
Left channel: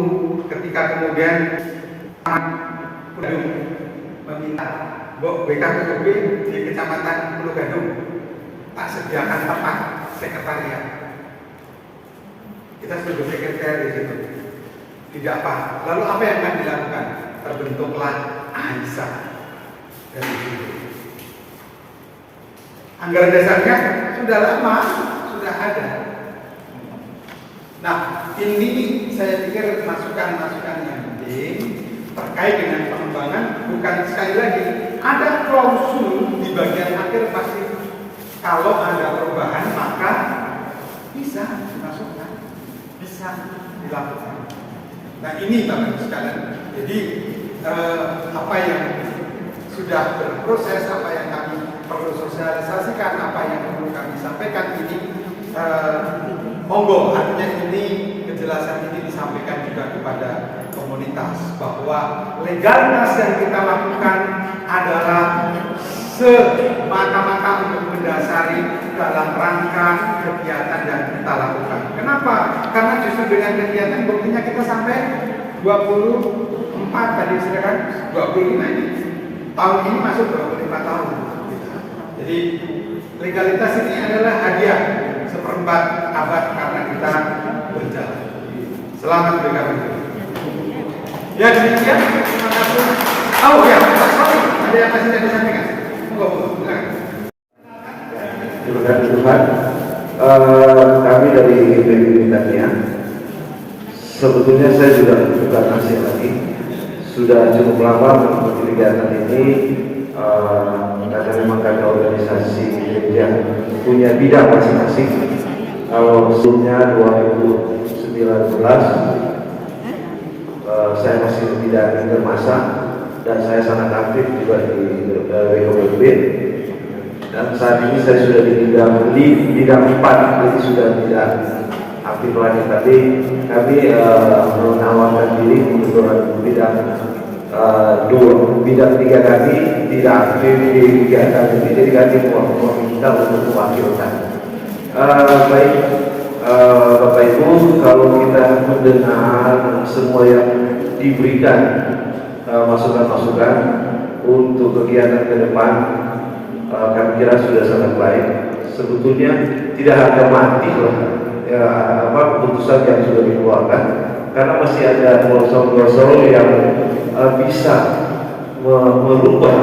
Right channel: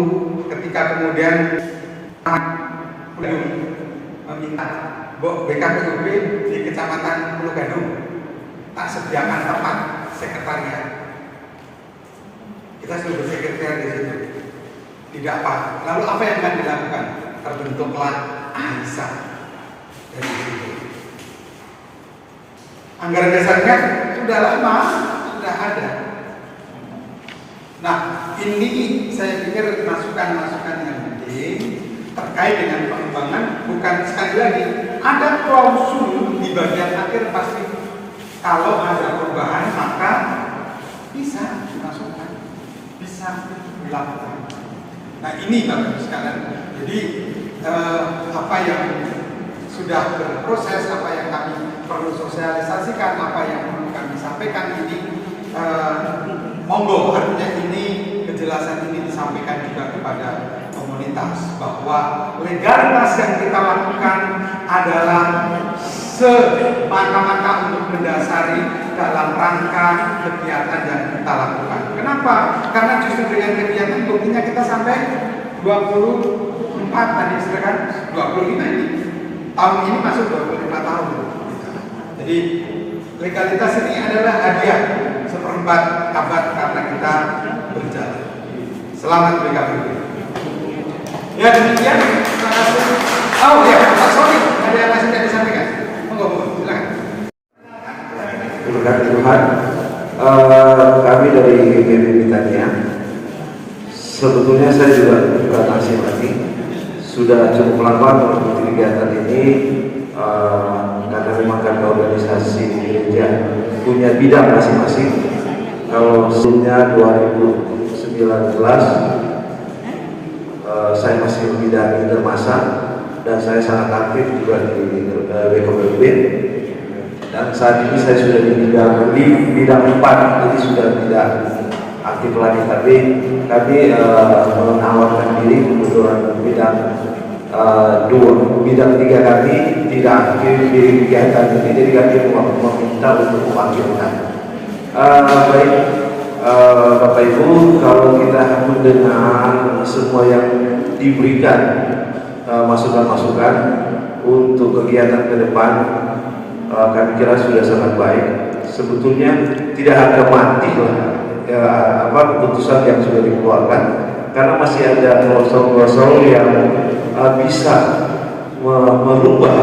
ketika kemudian meminta BKPUB di Kecamatan Pulau Gadung tak sediakan tempat sekretariat. Kita sudah sekretariat di situ. Tidak apa. Lalu apa yang akan dilakukan? Terbentuklah Aisyah dari situ. Anggaran dasarnya sudah lama, sudah ada. Nah, ini saya pikir masukan-masukan yang penting terkait dengan pengembangan. Bukan sekali lagi ada klausul di bagian akhir pasti kalau ada perubahan maka bisa dimasukkan, bisa dilakukan. Nah ini bagus sekalian. Jadi apa yang sudah berproses, apa yang kami perlu sosialisasikan, apa yang perlu kami sampaikan ini monggo, artinya ini kejelasan ini disampaikan juga kepada komunitas bahwa legalitas yang kita lakukan adalah semata-mata untuk mendasari dalam rangka kegiatan yang kita lakukan. Kenapa? Karena justru dengan kegiatan buktinya kita sampai 24 tadi silakan 25 ini. Tahun ini masuk 25 tahun. Jadi legalitas ini adalah hadiah seperempat abad karena kita berjalan. Selamat BKPU. Ya demikian. Terima kasih. Oh ya, Pak Sony, ada yang masih tidak disampaikan? Monggo, silakan. Terima Tuhan, kami dari GPB Mintania. Sebetulnya saya juga masih lagi sudah cukup lama mengikuti kegiatan ini karena memang kami organisasi gereja punya bidang masing-masing. Kalau sebelumnya 2019 saya masih bidang intermasa dan saya sangat aktif juga di WKPB. Dan saat ini saya sudah di bidang 4, jadi sudah tidak aktif lagi. Tapi kami menawarkan diri untuk bidang 3 kami tidak aktif di kegiatan ini, jadi kami meminta untuk mewakilkan. Baik Bapak Ibu, kalau kita mendengar semua yang diberikan masukan-masukan untuk kegiatan ke depan, kami kira sudah sangat baik. Sebetulnya tidak harga mati lah ya, keputusan yang sudah dikeluarkan, karena masih ada klausul-klausul yang bisa merubah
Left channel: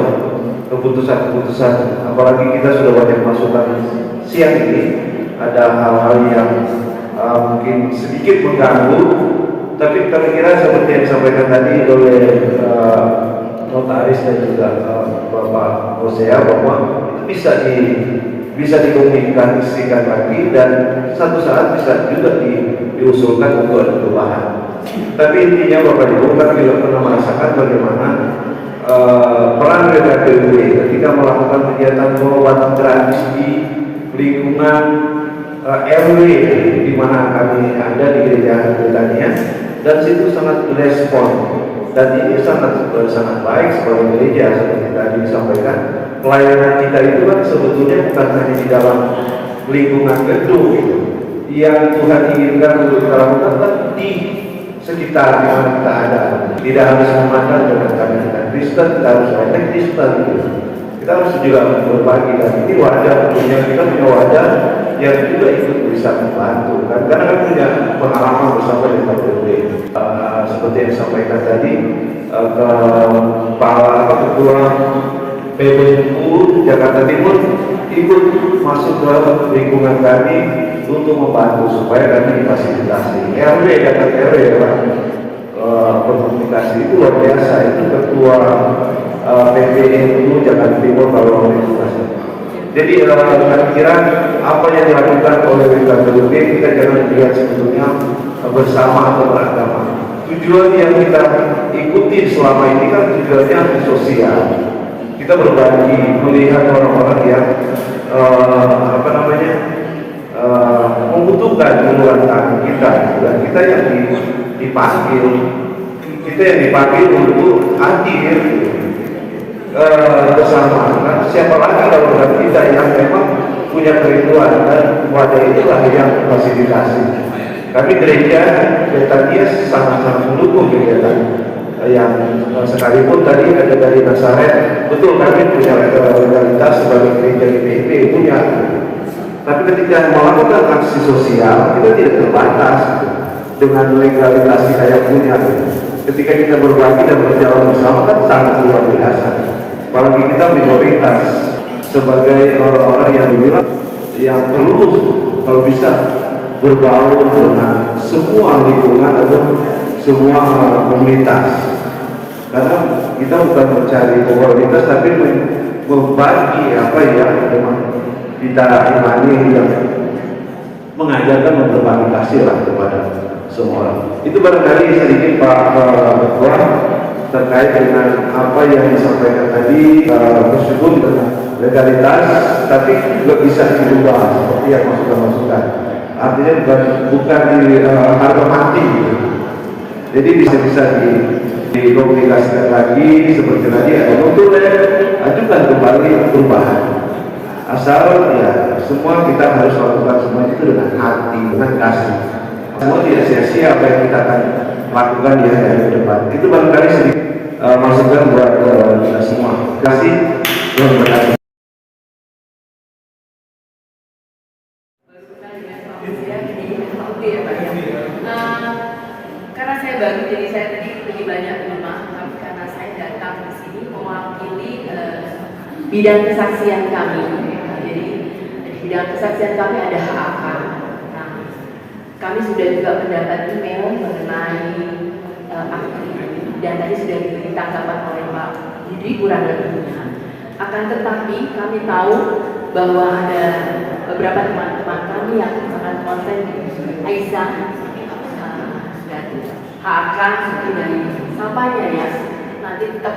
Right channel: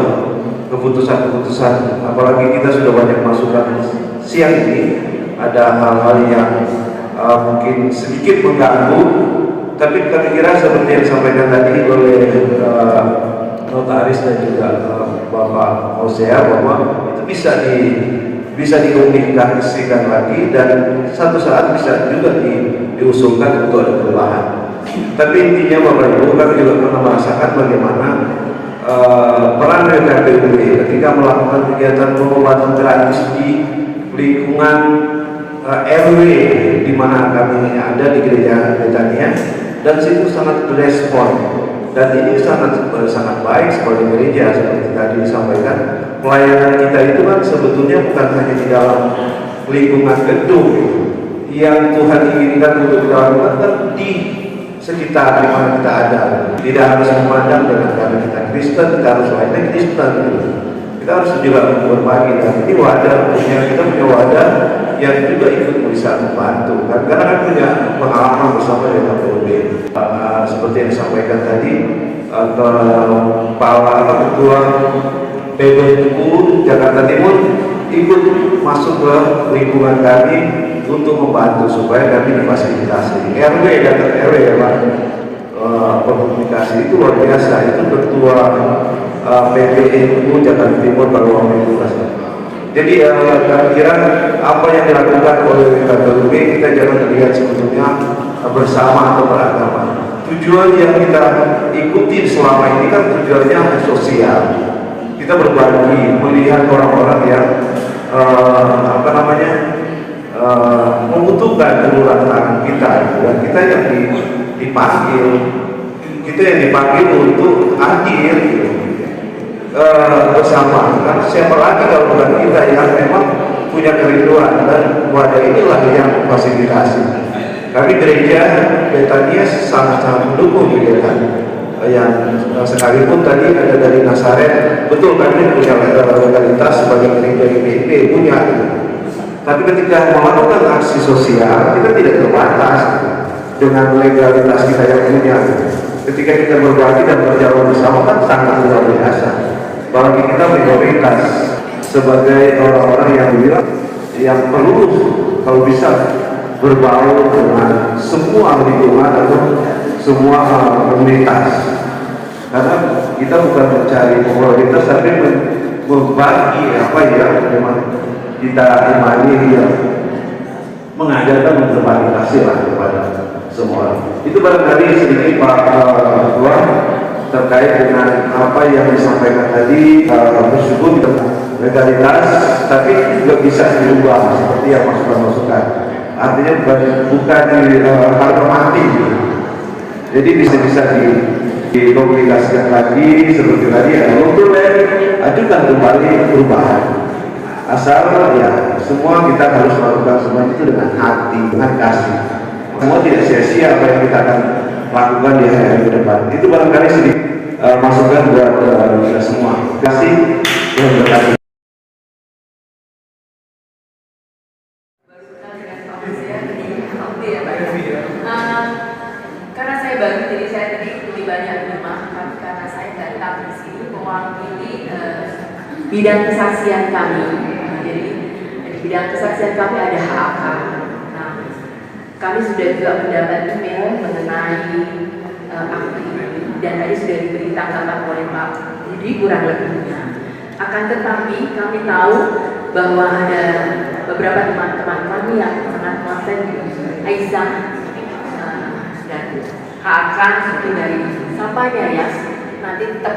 keputusan-keputusan. Apalagi kita sudah banyak masukan siang ini, ada hal-hal yang mungkin sedikit mengganggu, tapi kami kira seperti yang disampaikan tadi oleh notaris dan juga Bapak Hosea, bahwa itu bisa dikomunikasikan lagi dan satu saat bisa juga diusulkan untuk ada perubahan. Tapi intinya Bapak Ibu, kami juga pernah merasakan bagaimana peran WKPUB ketika melakukan kegiatan pengobatan gratis di lingkungan RW di mana kami ada di Gereja Betania, dan situ sangat berespon, dan ini sangat baik sebagai gereja. Seperti tadi disampaikan, pelayanan kita itu kan sebetulnya bukan hanya di dalam lingkungan gedung gitu, yang Tuhan inginkan untuk kita lakukan kan di sekitar di mana kita ada. Tidak harus memandang dengan karena kita Kristen, kita harus lainnya Kristen gitu. Kita harus juga berbagi, dan ini wadah, kita punya wadah yang juga ikut bisa membantu kan, karena kan punya pengalaman bersama dengan PUB. Seperti yang disampaikan tadi, kepala ketua PBNU Jakarta Timur ikut masuk ke lingkungan kami untuk membantu supaya kami difasilitasi. RW dan RW dalam komunikasi itu luar biasa. Itu ketua PBNU Jakarta Timur baru komunikasi. Jadi kami kira apa yang dilakukan oleh WKPUB kita jangan lihat sebetulnya bersama atau beragama. Tujuan yang kita ikuti selama ini kan tujuannya sosial. Kita berbagi, melihat orang-orang yang membutuhkan uluran kita, dan kita yang dipanggil untuk hadir bersama. Kan siapa lagi kalau bukan kita yang memang punya kerinduan, dan wadah itulah yang fasilitasi. Kami gereja Betania sangat mendukung kegiatan yang sekalipun tadi ada dari Nazaret, betul kami punya legalitas sebagai gereja IPIP punya, tapi ketika melakukan aksi sosial kita tidak terbatas dengan legalitas kita yang punya. Ketika kita berbagi dan berjalan bersama kan sangat luar biasa. Apalagi kita minoritas sebagai orang-orang yang dibilang yang perlu kalau bisa berbaur dengan semua lingkungan atau semua komunitas, karena kita bukan mencari popularitas tapi membagi apa yang memang kita imani, yang mengajarkan berbagi kasih lah kepada semua orang. Itu barangkali sedikit Pak Ketua terkait dengan apa yang disampaikan tadi, meskipun legalitas tapi juga bisa diubah seperti yang masukan-masukan. Artinya bukan di harga mati. Jadi bisa dikomunikasikan lagi seperti tadi ya, untuk ajukan kembali perubahan. Asal ya semua kita harus melakukan semua itu dengan hati, dengan kasih. Semua tidak sia-sia apa yang kita akan lakukan di hari ke depan. Itu barangkali sedikit masukan buat kita semua. Terima kasih. Terima kasih. Karena saya baru, jadi saya tadi lebih banyak di rumah, karena saya datang di sini mewakili bidang kesaksian kami. Jadi di bidang kesaksian kami ada HAK. Nah, kami sudah juga mendapat email mengenai akte ini, dan tadi sudah diberi tanggapan oleh Pak Jadi kurang lebihnya. Akan tetapi kami tahu bahwa ada beberapa teman-teman kami yang sangat konsen di Aisyah dan akan seperti dari sampainya ya, nanti tetap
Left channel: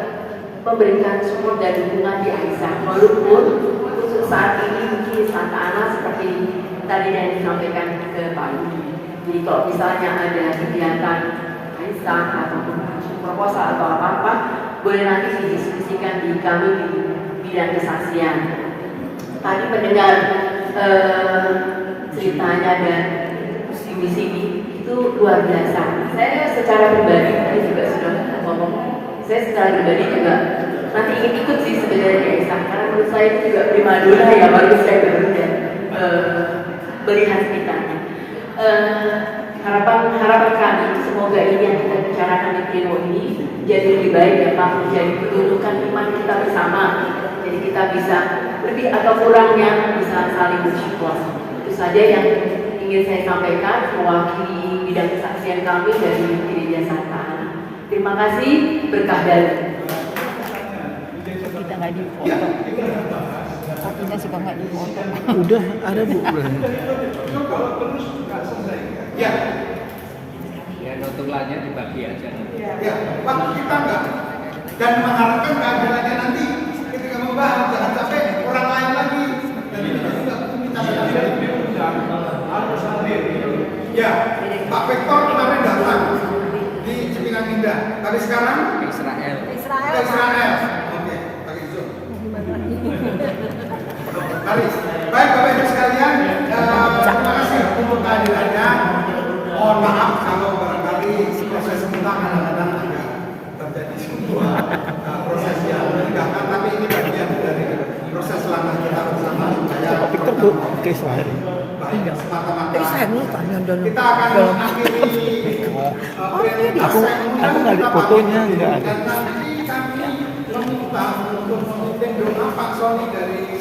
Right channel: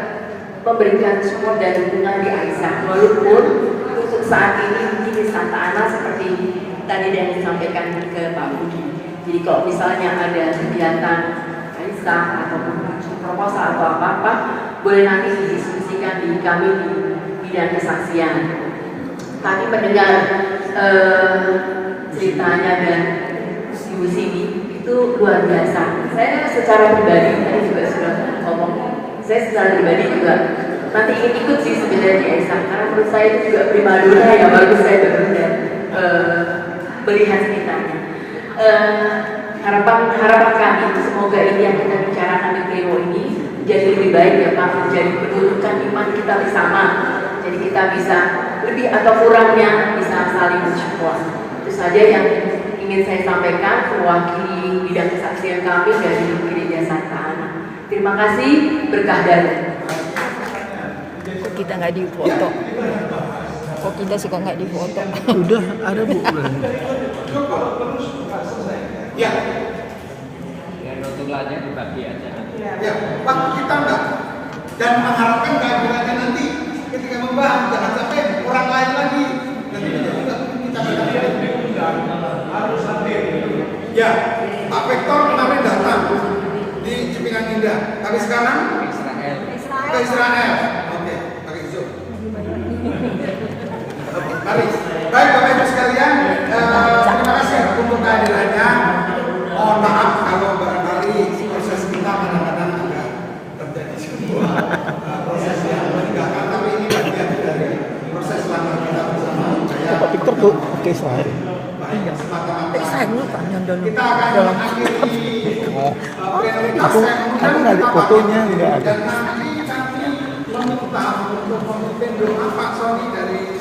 memberikan support dan dukungan di Aisyah, walaupun untuk saat ini mungkin di Santa Ana seperti tadi yang disampaikan ke Pak Budi. Jadi kalau misalnya ada kegiatan Aisyah atau proposal atau apa-apa, boleh nanti didiskusikan di kami di bidang kesaksian. Tadi mendengar ceritanya dan diskusi itu luar biasa. Saya secara pribadi tadi juga sudah ngomong, saya secara pribadi juga nanti ingin ikut sih sebenarnya Isa, karena menurut saya itu juga primadona ya, bagus saya baru dan melihat ceritanya. Harapan kami semoga ini yang kita bicarakan di pleno ini jadi lebih baik ya Pak, menjadi penuntukan iman kita bersama. Jadi kita bisa lebih atau kurangnya bisa saling bersyukur. Itu saja yang ingin saya sampaikan mewakili bidang kesaksian kami dari Gereja Santa Ana. Terima kasih, berkah dalam. Kita nggak dipotong. Oh, kita suka nggak dipotong. Udah ada Bu. Ya, Ya, notulannya dibagi aja nanti. ya, waktu kita enggak dan mengharapkan keadilannya nanti ketika membahas jangan sampai orang lain lagi dan itu juga kita harus hadir. ya, Pak Victor kemarin datang di Cipinang Indah, tapi sekarang Israel. ke Israel. Oke, pakai Zoom. Mari, baik Bapak Ibu sekalian, terima kasih untuk kehadirannya. Mohon maaf kalau barangkali proses kita kadang-kadang agak terjadi sebuah proses yang menegakkan, tapi ini bagian dari proses langkah kita bersama supaya Pak Victor tuh ke Israel. baik semata-mata Kita akan mengakhiri Aku nggak ada fotonya, nggak ada. dan nanti kami meminta untuk memimpin doa Pak Sony dari